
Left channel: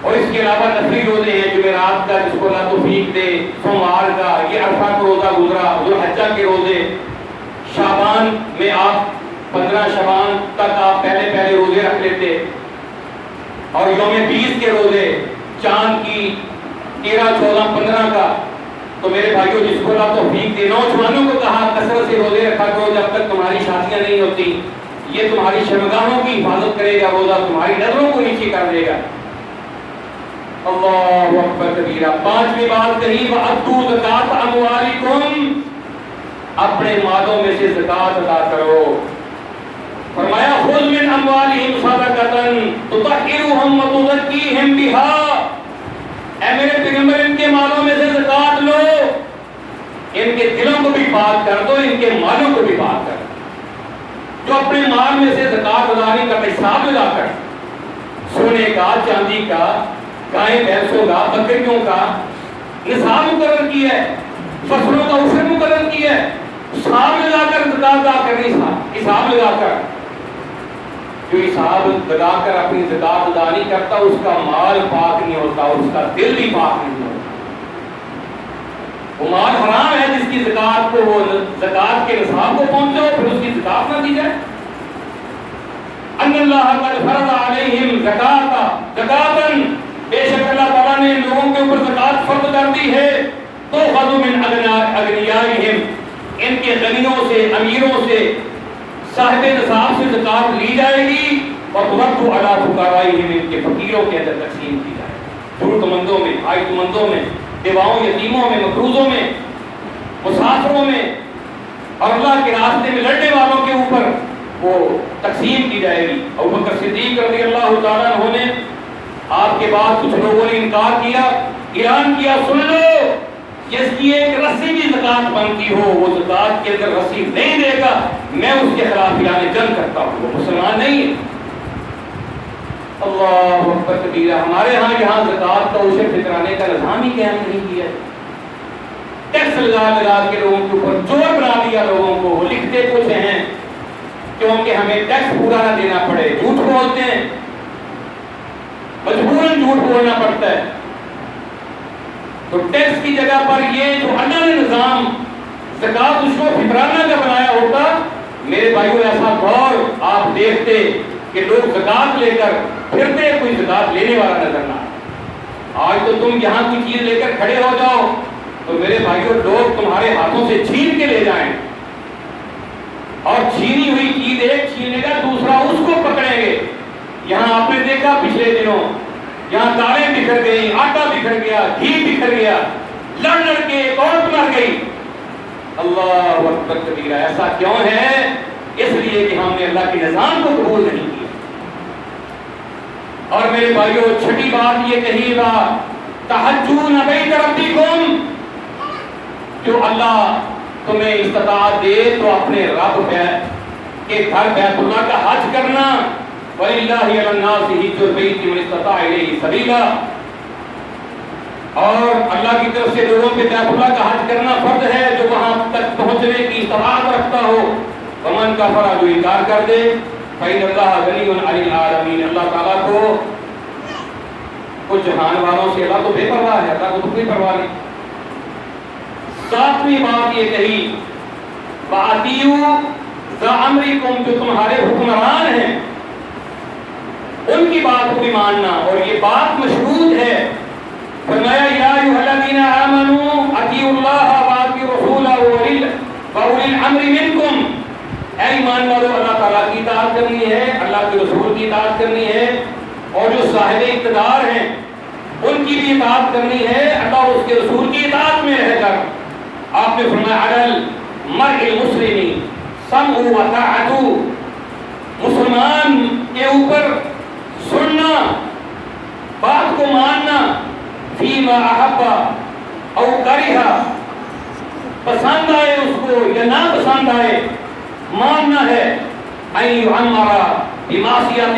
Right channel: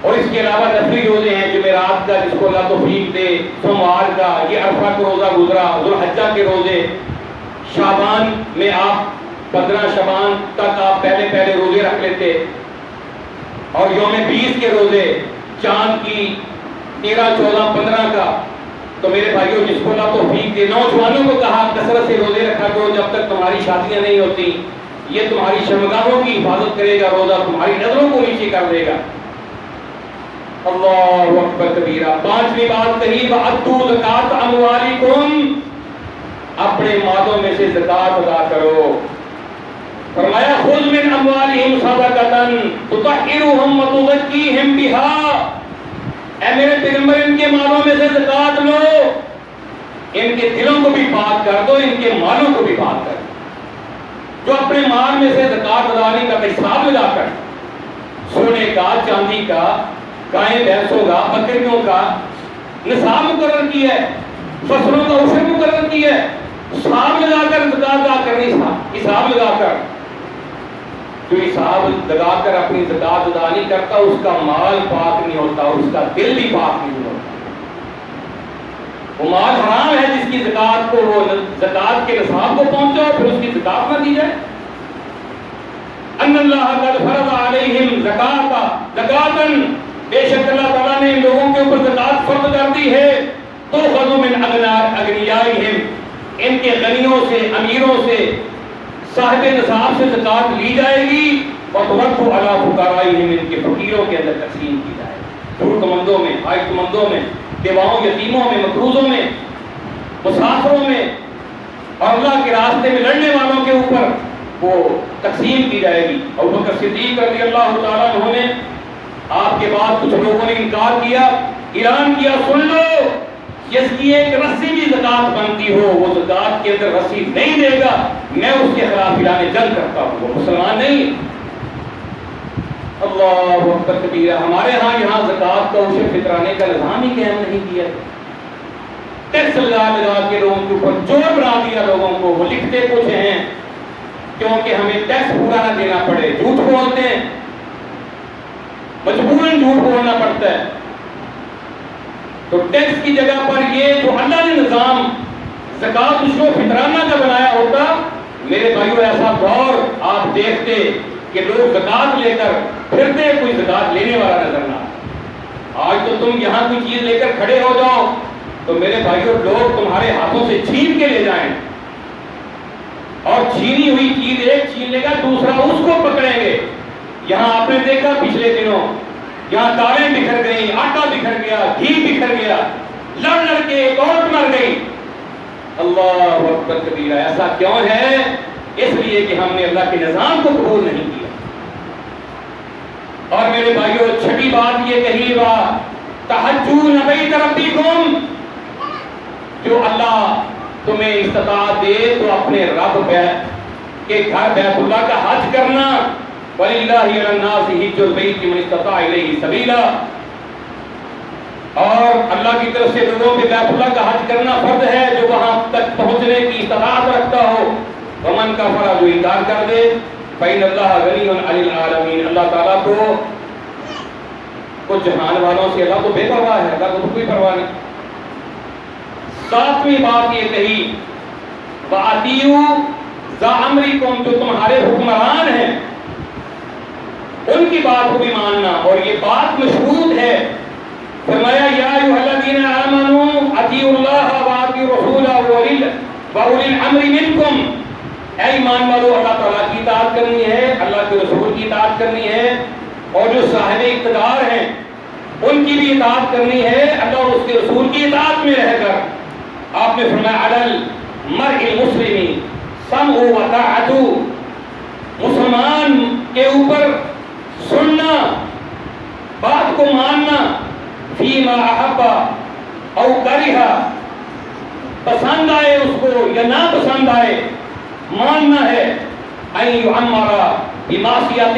اور اس کے علاوہ نفلی روزے ہیں، جمعرات کا جس کو اللہ توفیق دے، سوموار کا، یہ عرفہ کا روزہ گزرا، ذوالحجہ کے روزے، شعبان میں آپ 15 شعبان تک آپ پہلے روزے رکھ لیتے، اور یوم 20 کے روزے، چاند کی 13، 14، 15 کا. تو میرے بھائیوں، جس کو اللہ توفیق دے، نوجوانوں کو کہا کثرت سے روزے رکھا کرو جب تک تمہاری شادیاں نہیں ہوتی. یہ تمہاری شرمگاہوں کی حفاظت کرے گا، روزہ تمہاری نظروں کو نیچے کر دے گا. اللہ اکبر کبیرہ. پانچویں بات کہی وَأَدُّوا زَکَاةَ أَمْوَالِكُمْ، اپنے مالوں میں سے زکات ادا کرو. فرمایا خُذْ مِنْ أَمْوَالِهِمْ صَدَقَةً تُطَهِّرُهُمْ وَتُزَكِّيهِمْ بِهَا. اے میرے پیغمبر، ان کے مالوں میں سے زکات لو، ان کے دلوں کو بھی پاک کر دو، ان کے مالوں کو بھی پاک کر دو. جو اپنے مال میں سے زکات ادا نہیں کرتے، حساب لگا کر سونے کا، چاندی کا، گائے بھینسوں کا، بکریوں کا نصاب مقرر کیا ہے، فصلوں کا عشر مقرر کیا ہے، حساب لگا کر زکات ادا کرنی. حساب لگا کر، جو حساب لگا کر اپنی زکات ادا نہیں کرتا، اس کا مال پاک نہیں ہوتا، اس کا دل بھی پاک نہیں ہوتا. وہ مال حرام ہے جس کی زکات کو، وہ زکات کے نصاب کو پہنچے اور پھر اس کی زکات نہ دی جائے. ان اللہ قد فرض علیہم زکاۃ، بے شک اللہ تعالیٰ نے لوگوں کے اوپر زکات فرض کر دی ہے. تو خذوا من اغنیائہم، ان کے غنیوں سے، امیروں سے، صاحب نصاب سے زکات لی جائے گی. اور ترد علی فقرائہم، ان کے فقیروں کے اندر تقسیم کی جائے گی. ضرورت مندوں میں، حاجت مندوں میں، بیواؤں، یتیموں میں، مقروضوں میں، مسافروں میں، اور اللہ کے راستے میں لڑنے والوں کے اوپر وہ تقسیم کی جائے گی. ابوبکر صدیق رضی اللہ تعالیٰ عنہ نے آپ کے بعد کچھ لوگوں نے انکار کیا، اعلان کیا سن لو، جس کی ایک رسی بھی زکات بنتی ہو وہ زکات کے اندر رسی نہیں دے گا، میں اس کے خلاف اعلان جنگ کرتا ہوں، وہ مسلمان نہیں ہے. اللہ اکبر کبیرہ. ہمارے ہاں یہاں زکات کا عشر فطرانے کا نظام ہی قائم نہیں کیا، ٹیکس لگا کے لوگوں کے اوپر زور بنا دیا لوگوں کو. وہ لکھتے کچھ ہیں کیونکہ ہمیں ٹیکس پورا نہ دینا پڑے، جھوٹ بولتے ہیں، مجبوراً جھوٹ بولنا پڑتا ہے. تو ٹیکس کی جگہ پر یہ جو اللہ نے نظام زکات اس کو فطرانہ کا بنایا ہوتا، میرے بھائیو ایسا دور آپ دیکھتے کہ لوگ زکات لے کر پھرتے، کوئی زکات لینے والا نظر نہ آئے۔ آج تو تم یہاں کوئی چیز لے کر کھڑے ہو جاؤ تو میرے بھائیو لوگ تمہارے ہاتھوں سے چھین کے لے جائیں، اور چھینی ہوئی چیز ایک چھینے گا دوسرا اس کو پکڑیں گے۔ یہاں آپ نے دیکھا پچھلے دنوں یہاں دالیں بکھر گئی، آٹا بکھر گیا، گھی بکھر گیا، لڑ لڑ کے ایک عورت مر گئی۔ اللہ اکبر کبیرہ۔ ایسا کیوں ہے؟ اس لیے کہ ہم نے اللہ کے نظام کو قبول نہیں کیا۔ اور میرے بھائیوں چھٹی بات یہ کہی وا تحجون بیت ربکم، جو اللہ تمہیں استطاعت دے تو اپنے رب کے گھر بیت اللہ کا حج کرنا، وَلِلَّهِ عَلَى النَّاسِ حِجُّ الْبَيْتِ مَنِ اسْتَطَاعَ إِلَيْهِ سَبِيلًا، اور اللہ کی طرف سے لوگوں پہ بیت اللہ کا حج کرنا فرض ہے جو وہاں تک پہنچنے کی استطاعت رکھتا ہو۔ وَمَنْ كَفَرَ، جو انکار کر دے، فَإِنَّ اللَّهَ غَنِيٌّ عَنِ الْعَالَمِينَ، اللہ تعالیٰ کو جہان والوں سے اللہ تو بے پرواہ ہے، اللہ کو تو کوئی پرواہ نہیں۔ ساتویں بات یہ کہی وَأَطِيعُوا ذَا أَمْرِكُمْ، جو تمہارے حکمران ہیں ان کی بات کو بھی ماننا، اور یہ بات مشروط ہے۔ فرمایا یا ایھا الذین آمنوا اطیعوا اللہ واطیعوا الرسول واولی الامر منکم، اے ایمان والو اللہ تعالیٰ کی اطاعت کرنی ہے، اللہ کے رسول کی اطاعت کرنی ہے، اور جو صاحب اقتدار ہیں ان کی بھی اطاعت کرنی ہے، اللہ اور اس کے رسول کی اطاعت میں رہ کر۔ آپ نے فرمایا علی المرء المسلم سمع و طاعت، مسلمان کے اوپر سننا، بات کو ماننا، فیما احب او کرہ، پسند آئے اس کو یا نہ پسند آئے ماننا ہے۔ ان یعمر بمعصیۃ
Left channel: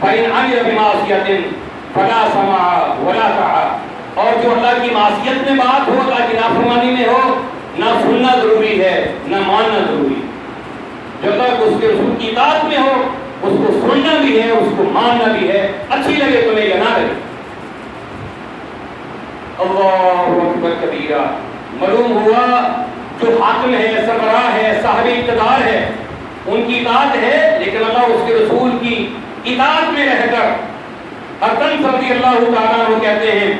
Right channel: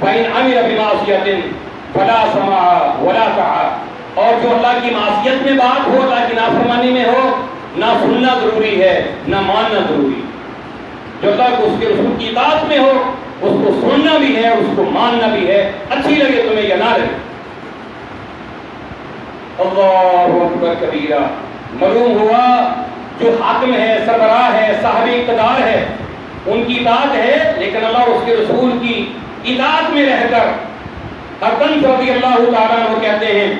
فإن عمل بمعصیۃ فلا سمع ولا طاعہ، اور جو اللہ کی معصیت میں بات ہو، اللہ کی نافرمانی میں ہو، نہ سننا ضروری ہے نہ ماننا ضروری ہے۔ جو اللہ کو اس کے رسول کی اطاعت میں ہو اس کو سننا بھی ہے، اس کو ماننا بھی ہے، اچھی لگے تمہیں یا نہ لگے۔ اللہ اکبر کبیرہ۔ معلوم ہوا جو حاکم ہے، سربراہ ہے، صاحب اقتدار ہے، ان کی اطاعت ہے، لیکن اللہ اور اس کے رسول کی اطاعت میں رہ کر۔ حسن رضی اللہ تعالیٰ عنہ کہتے ہیں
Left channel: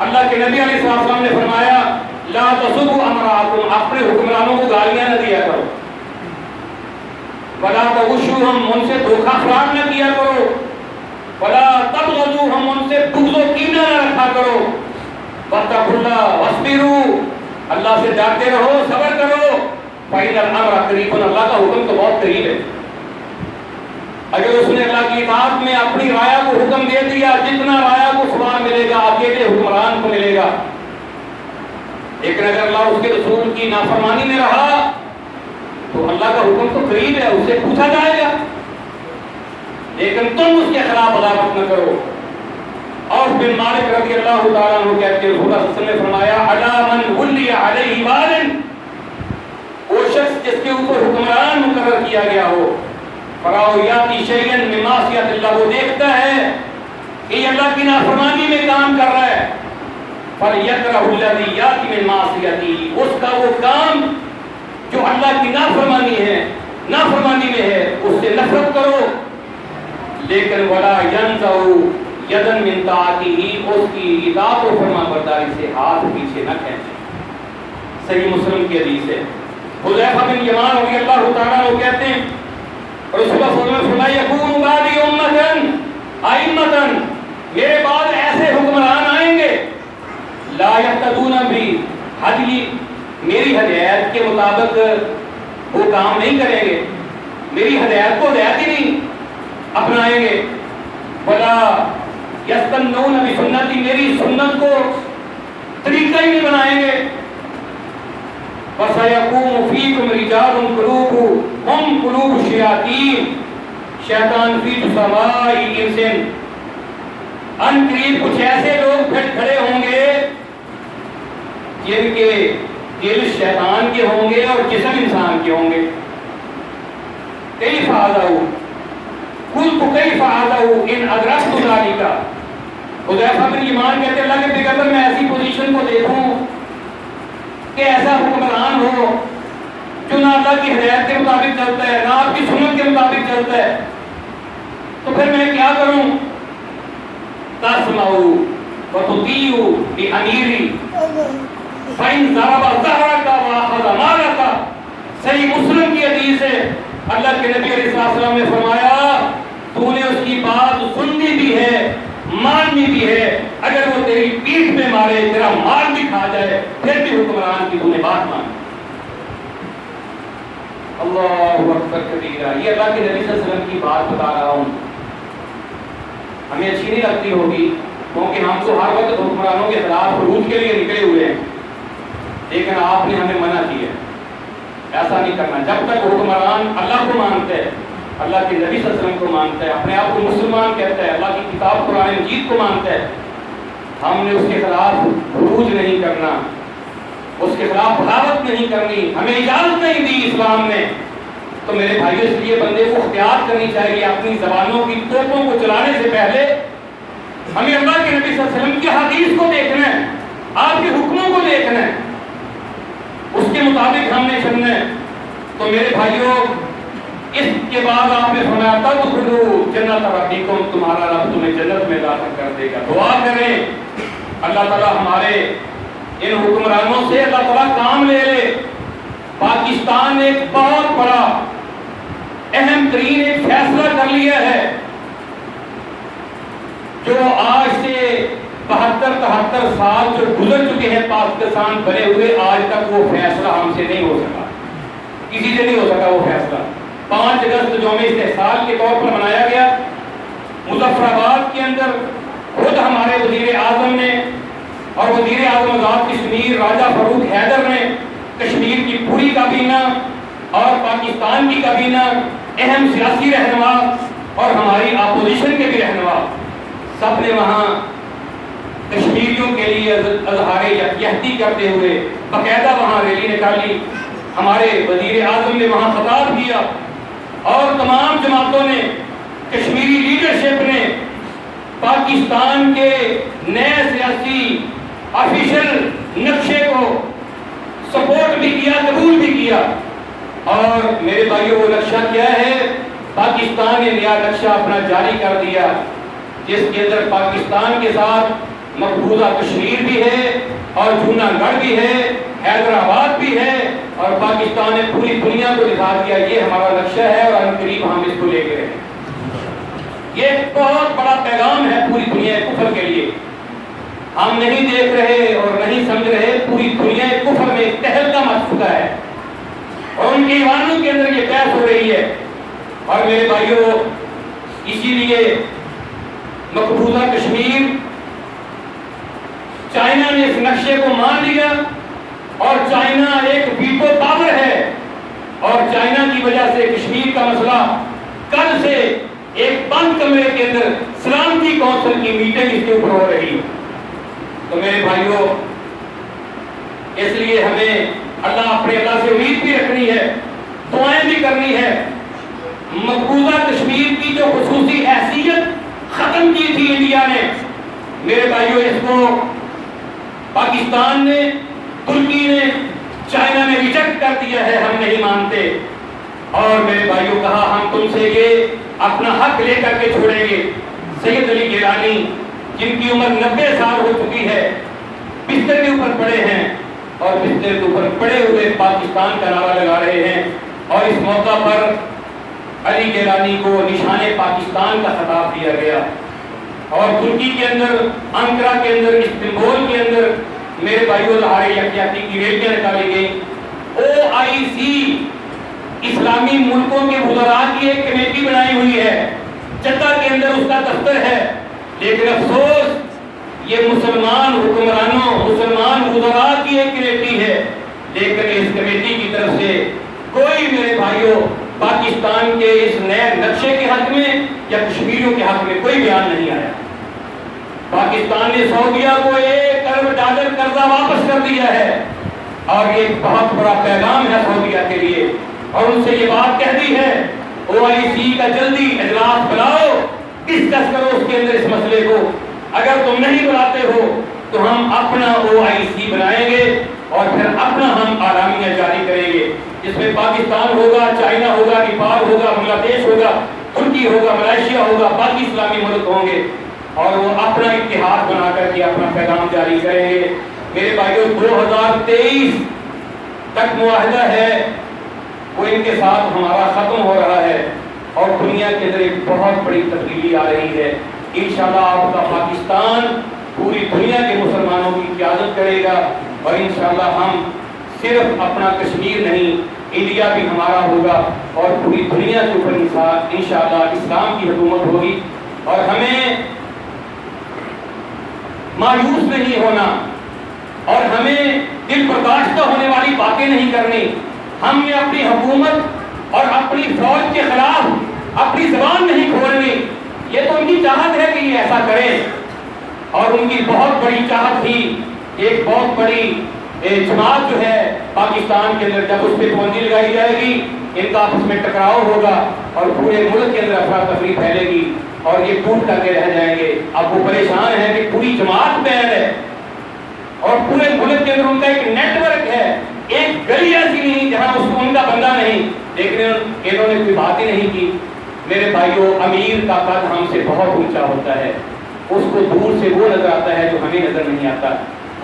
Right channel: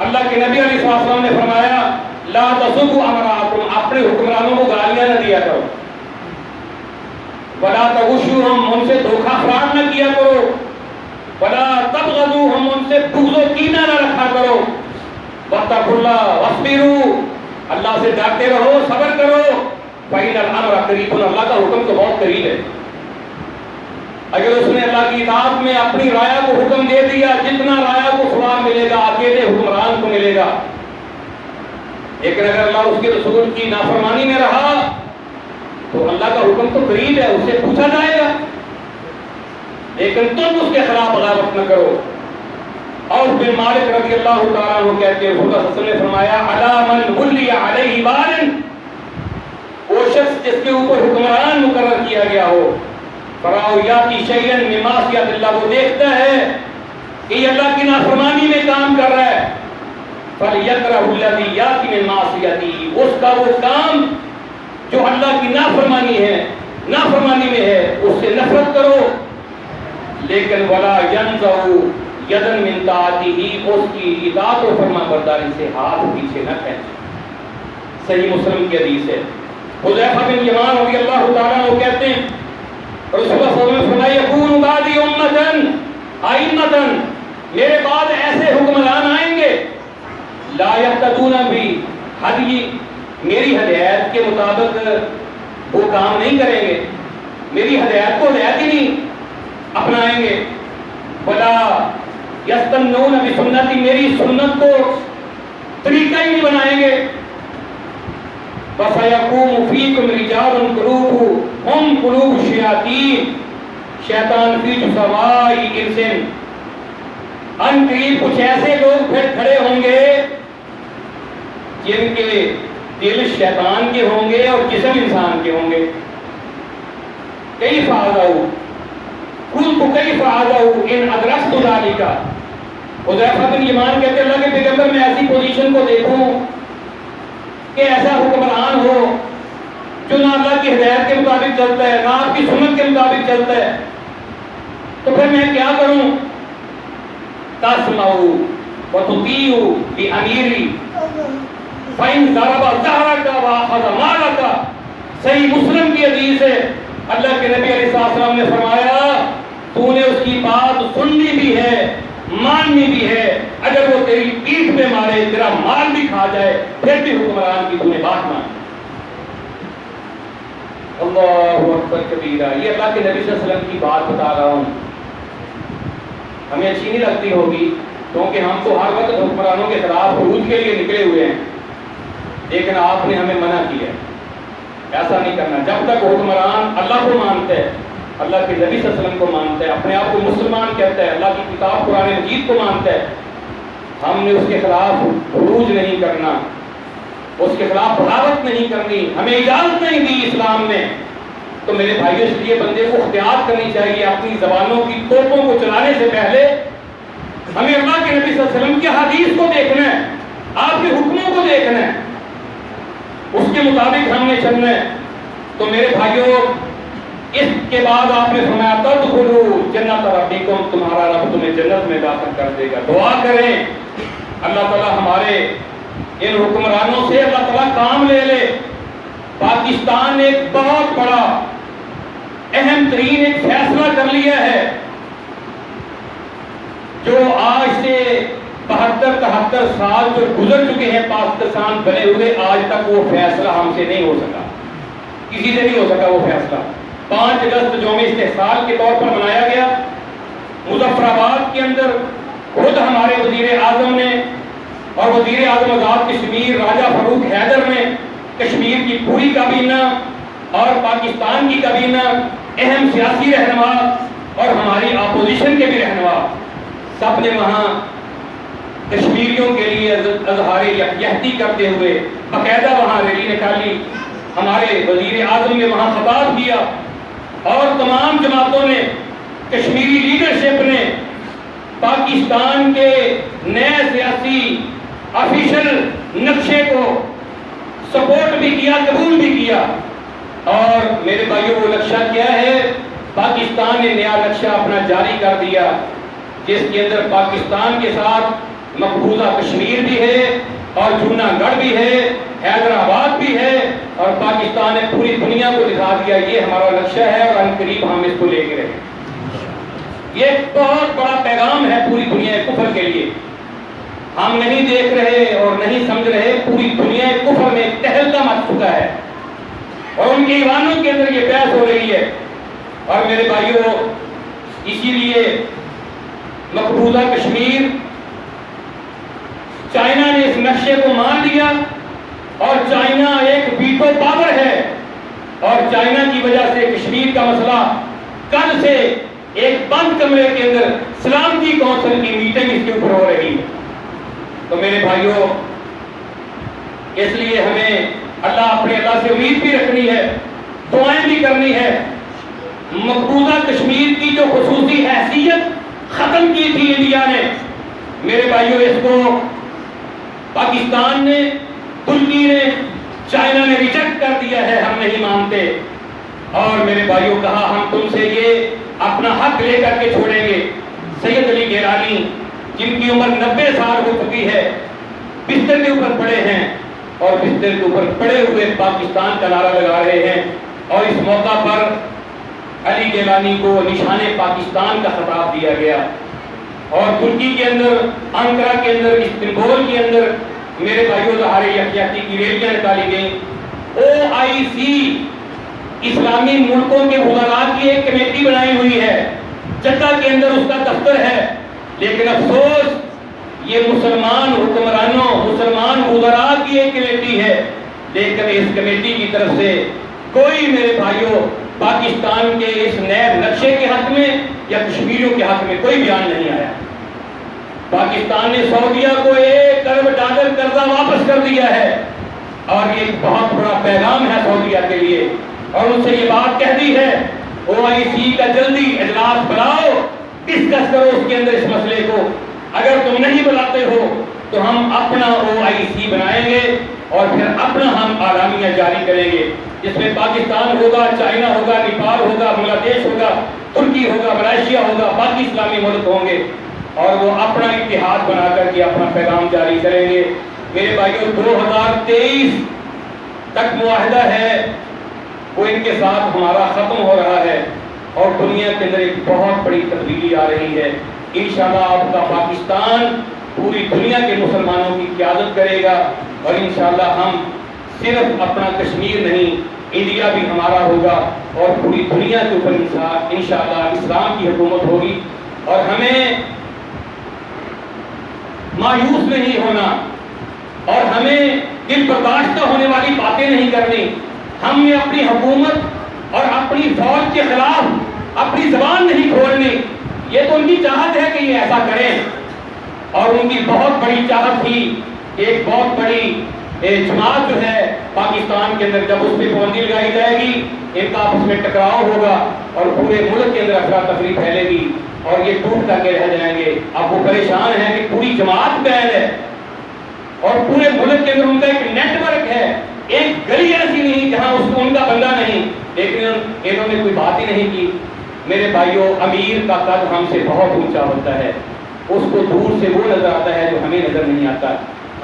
اللہ کے نبی علیہ السلام نے فرمایا لا تسبوا امراءکم، اپنے حکمرانوں کو گالیاں نہ دیا کرو، ولا تغشوہم، ان سے دھوکہ فراڈ نہ کیا کرو، ولا تبغضوہم، ان سے بغض و کینہ نہ رکھا کرو، واتقوا اللہ واصبروا، اللہ سے ڈرتے رہو، صبر کرو، فإن الامر قریب، اللہ کا حکم تو بہت قریب ہے۔ اگر اس نے اللہ کی اطاعت میں اپنی رایا کو حکم دے دیا، جتنا رایا کو ثواب ملے گا اکیلے حکمران کو ملے گا، لیکن اگر اللہ اس کے رسول کی نافرمانی میں رہا تو اللہ کا حکم تو قریب ہے، اس سے پوچھا جائے گا، لیکن تم اس کے خلاف بغاوت نہ کرو۔ اور بن مالک رضی اللہ تعالیٰ عنہ کہتے ہیں رسول اللہ صلی اللہ علیہ وسلم نے فرمایا علی من ولی علیہ وال، وہ شخص جس کے اوپر حکمران مقرر کیا گیا ہو، فراؤ یاتی شیئن من معصیت اللہ، وہ دیکھتا ہے کہ یہ اللہ کی نافرمانی میں کام کر رہا ہے، فلیکرہ الذی یاتی من معصیتی، اس کا وہ کام جو اللہ کی نافرمانی ہے، نافرمانی میں ہے، اس سے نفرت کرو، لیکن ولا ینزع یدا من طاعتہ، اس کی اطاعت و فرما برداری سے ہاتھ پیچھے نہ کھینچے۔ صحیح مسلم کی حدیث ہے۔ حذیفہ بن یمان رضی اللہ تعالیٰ عنہ کہتے ہیں رسول اللہ صلی اللہ علیہ وسلم نے فرمایا یکون بعدی امۃ ائمۃ، میرے بعد ایسے حکمران آئیں گے لا یہتدون بی ہدی، میری ہدایت کے مطابق وہ کام نہیں کریں گے، میری ہدایت کو ہدایت ہی نہیں اپنائیں گے، ولا یستنون بسنتی، میری سنت کو طریقہ ہی نہیں بنائیں گے، وَسَيَقُومُ فِيكُمْ رِجَالٌ قُلُوبُهُمْ قُلُوبُ الشَّيَاطِينِ، شیطان فی جثماء انس، ان قریب کچھ ایسے لوگ پھر کھڑے ہوں گے جن کے دل شیطان کے ہوں گے اور جسم انسان کے ہوں گے۔ کیف اعذوا، قلت کیف اعذوا ان ادرکت ذلک، حذیفہ بن یمان کہتے ہیں اللہ کے پیغمبر میں ایسی پوزیشن کو دیکھوں کہ ایسا حکمران ہو جو نہ اللہ کی ہدایت کے مطابق چلتا ہے نہ آپ کی سنت کے مطابق چلتا ہے، تو پھر میں کیا کروں؟ تسمعوا وتطیعوا بأمیری فإن ضرب ظہرک وأخذ مالک۔ صحیح مسلم کی حدیث ہے، اللہ کے نبی علیہ السلام نے فرمایا تو نے اس کی بات سننی بھی ہے ماننی بھی ہے، اگر وہ تیری پیٹھ پہ مارے تیرا مال بھی کھا جائے پھر بھی حکمران کی تو نے بات مان۔ اللہ اکبر کبیرہ، یہ اللہ کے نبی صلی اللہ علیہ وسلم کی بات بتا رہا ہوں، ہمیں اچھی نہیں لگتی ہوگی کیونکہ ہم تو ہر وقت حکمرانوں کے خلاف خروج کے لیے نکلے ہوئے ہیں، لیکن آپ نے ہمیں منع کیا ہے ایسا نہیں کرنا۔ جب تک حکمران اللہ کو مانتا ہے، اللہ کے نبی صلی اللہ علیہ وسلم کو مانتا ہے، اپنے آپ کو مسلمان کہتا ہے، اللہ کی کتاب قرآن مجید کو مانتا ہے، ہم نے اس کے خلاف خروج نہیں کرنا، اس کے خلاف بغاوت نہیں کرنی، ہمیں اجازت نہیں دی اسلام نے۔ تو میرے بھائیوں اس لیے بندے کو اختیار کرنی چاہیے اپنی زبانوں کی توپوں کو چلانے سے پہلے ہمیں اللہ کے نبی صلی اللہ علیہ وسلم کی حدیث کو دیکھنا ہے، آپ کے حکموں کو دیکھنا ہے، اس کے مطابق ہم نے چلنا ہے۔ تو میرے بھائیوں اس کے بعد آپ نے فرمایا تدخلوا جنت ربکم، تمہارا رب تمہیں جنت میں داخل کر دے گا۔ دعا کریں اللہ تعالیٰ ہمارے ان حکمرانوں سے اللہ تعالیٰ کام لے لے۔ پاکستان نے ایک بہت بڑا اہم ترین ایک فیصلہ کر لیا ہے جو آج سے 72-73 سال جو گزر چکے ہیں پاکستان بنے ہوئے، آج تک وہ فیصلہ ہم سے نہیں ہو سکا، کسی سے نہیں ہو سکا وہ فیصلہ۔ 5 اگست یوم استحصال کے طور پر منایا گیا، مظفر آباد کے اندر خود ہمارے وزیر اعظم نے اور وزیر اعظم آزاد کشمیر راجہ فاروق حیدر نے، کشمیر کی پوری کابینہ اور پاکستان کی کابینہ، اہم سیاسی رہنما اور ہماری اپوزیشن کے بھی رہنما، سب نے وہاں کشمیریوں کے لیے اظہار یکجہتی کرتے ہوئے باقاعدہ وہاں ریلی نکالی۔ ہمارے وزیر اعظم نے وہاں خطاب کیا اور تمام جماعتوں نے، کشمیری لیڈرشپ نے پاکستان کے نئے سیاسی آفیشل نقشے کو سپورٹ بھی کیا، قبول بھی کیا۔ اور میرے بھائیوں وہ نقشہ کیا ہے؟ پاکستان نے نیا نقشہ اپنا جاری کر دیا جس کے اندر پاکستان کے ساتھ مقبوضہ کشمیر بھی ہے اور جونا گڑھ بھی ہے، حیدرآباد بھی ہے، اور پاکستان نے پوری دنیا کو دکھا دیا یہ ہمارا نقشہ ہے اور ان قریب ہم اس کو لے کے رہے۔ یہ ایک بہت بڑا پیغام ہے پوری دنیا کفر کے لیے۔ ہم نہیں دیکھ رہے اور نہیں سمجھ رہے، پوری دنیا کفر میں تہلکہ مچ چکا ہے اور ان کے ایوانوں کے اندر یہ بحث ہو رہی ہے۔ اور میرے بھائیوں اسی لیے مقبوضہ کشمیر، چائنا نے اس نقشے کو مان لیا اور چائنا ایک ویٹو پاور ہے، اور چائنا کی وجہ سے کشمیر کا مسئلہ کل سے ایک بند کمرے کے اندر سلامتی کونسل کی میٹنگ اس کے اوپر ہو رہی ہے۔ تو میرے بھائیوں اس لیے ہمیں اللہ سے امید بھی رکھنی ہے، دعائیں بھی کرنی ہے۔ مقبوضہ کشمیر کی جو خصوصی حیثیت ختم کی تھی انڈیا نے، میرے بھائیوں اس کو پاکستان نے، ترکی نے، چائنا نے ریجیکٹ کر دیا ہے، ہم نہیں مانتے۔ اور میرے بھائیوں کہا ہم تم سے یہ اپنا حق لے کر کے چھوڑیں گے۔ سید علی گیلانی جن کی عمر 90 سال ہو چکی ہے، بستر کے اوپر پڑے ہیں اور بستر کے اوپر پڑے ہوئے پاکستان کا نعرہ لگا رہے ہیں، اور اس موقع پر علی گیلانی کو نشان پاکستان کا خطاب دیا گیا۔ اور ترکی کے اندر، انقرہ کے اندر، استنبول کے اندر میرے بھائیوں اظہار یکجہتی کی ریلیاں نکالی گئیں۔ OIC اسلامی ملکوں کے وزراء کی ایک کمیٹی بنائی ہوئی ہے، جدہ کے اندر اس کا دفتر ہے، لیکن افسوس یہ مسلمان حکمرانوں، مسلمان وزراء کی ایک کمیٹی ہے، لیکن اس کمیٹی کی طرف سے کوئی میرے بھائیوں پاکستان کے اس نئے نقشے کے حق میں یا کشمیریوں کے حق میں کوئی بیان نہیں آیا۔ پاکستان نے سعودیہ کو $1 ارب قرضہ واپس کر دیا ہے، اور ایک بہت بڑا پیغام ہے سعودیہ کے لیے، اور ان سے یہ بات کہہ دی ہے OIC کا جلدی اجلاس بلاؤ، ڈسکس کرو اس کے اندر اس مسئلے کو، اگر تم نہیں بلاتے ہو تو ہم اپنا OIC بنائیں گے اور پھر اپنا ہم اعلامیہ جاری کریں گے، جس میں پاکستان ہوگا، چائنا ہوگا، نیپال ہوگا، بنگلہ دیش ہوگا، ترکی ہوگا، ملائیشیا ہوگا، باقی اسلامی ملک ہوں گے، اور وہ اپنا اتحاد بنا کر کے اپنا پیغام جاری کریں گے۔ میرے بھائیوں 2023 تک معاہدہ ہے وہ ان کے ساتھ ہمارا ختم ہو رہا ہے، اور دنیا کے اندر ایک بہت بڑی تبدیلی آ رہی ہے۔ انشاءاللہ آپ کا پاکستان پوری دنیا کے مسلمانوں کی قیادت کرے گا، اور انشاءاللہ ہم صرف اپنا کشمیر نہیں، انڈیا بھی ہمارا ہوگا، اور پوری دنیا کے اوپر انشاءاللہ اسلام کی حکومت ہوگی۔ اور ہمیں مایوس نہیں ہونا، اور ہمیں دل برداشت ہونے والی باتیں نہیں کرنی۔ ہم نے اپنی حکومت اور اپنی فوج کے خلاف اپنی زبان نہیں کھولنی۔ یہ تو ان کی چاہت ہے کہ یہ ایسا کریں، اور ان کی بہت بڑی چاہت تھی، ایک بہت بڑی جماعت جو ہے پاکستان کے اندر، جب اس پہ پابندی لگائی جائے گی، ان کا آپس میں ٹکراؤ ہوگا، اور پورے ملک کے اندر افراتفری پھیلے گی، اور یہ ٹوٹ کر کے رہ جائیں گے۔ اب وہ پریشان ہیں کہ پوری جماعت بین ہے، اور پورے ملک کے اندر ان کا ایک نیٹ ورک ہے، ایک گلی ایسی نہیں جہاں اس کو ان کا بندہ نہیں، لیکن انہوں نے کوئی بات ہی نہیں کی۔ میرے بھائیوں، امیر کا قد ہم سے بہت اونچا ہوتا ہے، اس کو دور سے وہ نظر آتا ہے جو ہمیں نظر نہیں آتا۔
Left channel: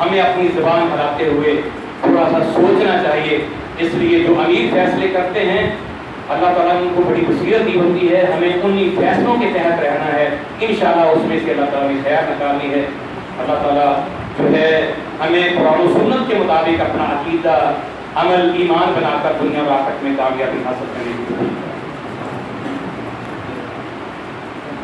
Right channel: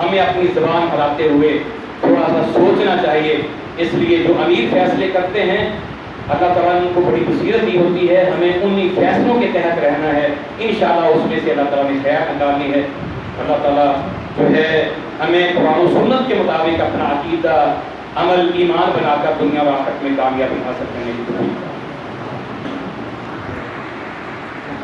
ہمیں اپنی زبان بڑھاتے ہوئے تھوڑا سا سوچنا چاہیے۔ اس لیے جو امیر فیصلے کرتے ہیں، اللہ تعالیٰ نے ان کو بڑی بصیرت دی ہوتی ہے، ہمیں انہی فیصلوں کے تحت رہنا ہے۔ انشاءاللہ اس میں سے اللہ تعالیٰ نے خیر نکالنی ہے۔ اللہ تعالیٰ جو ہے ہمیں قرآن و سنت کے مطابق اپنا عقیدہ، عمل، ایمان بنا کر دنیا و آخرت میں کامیابی حاصل کرنے کی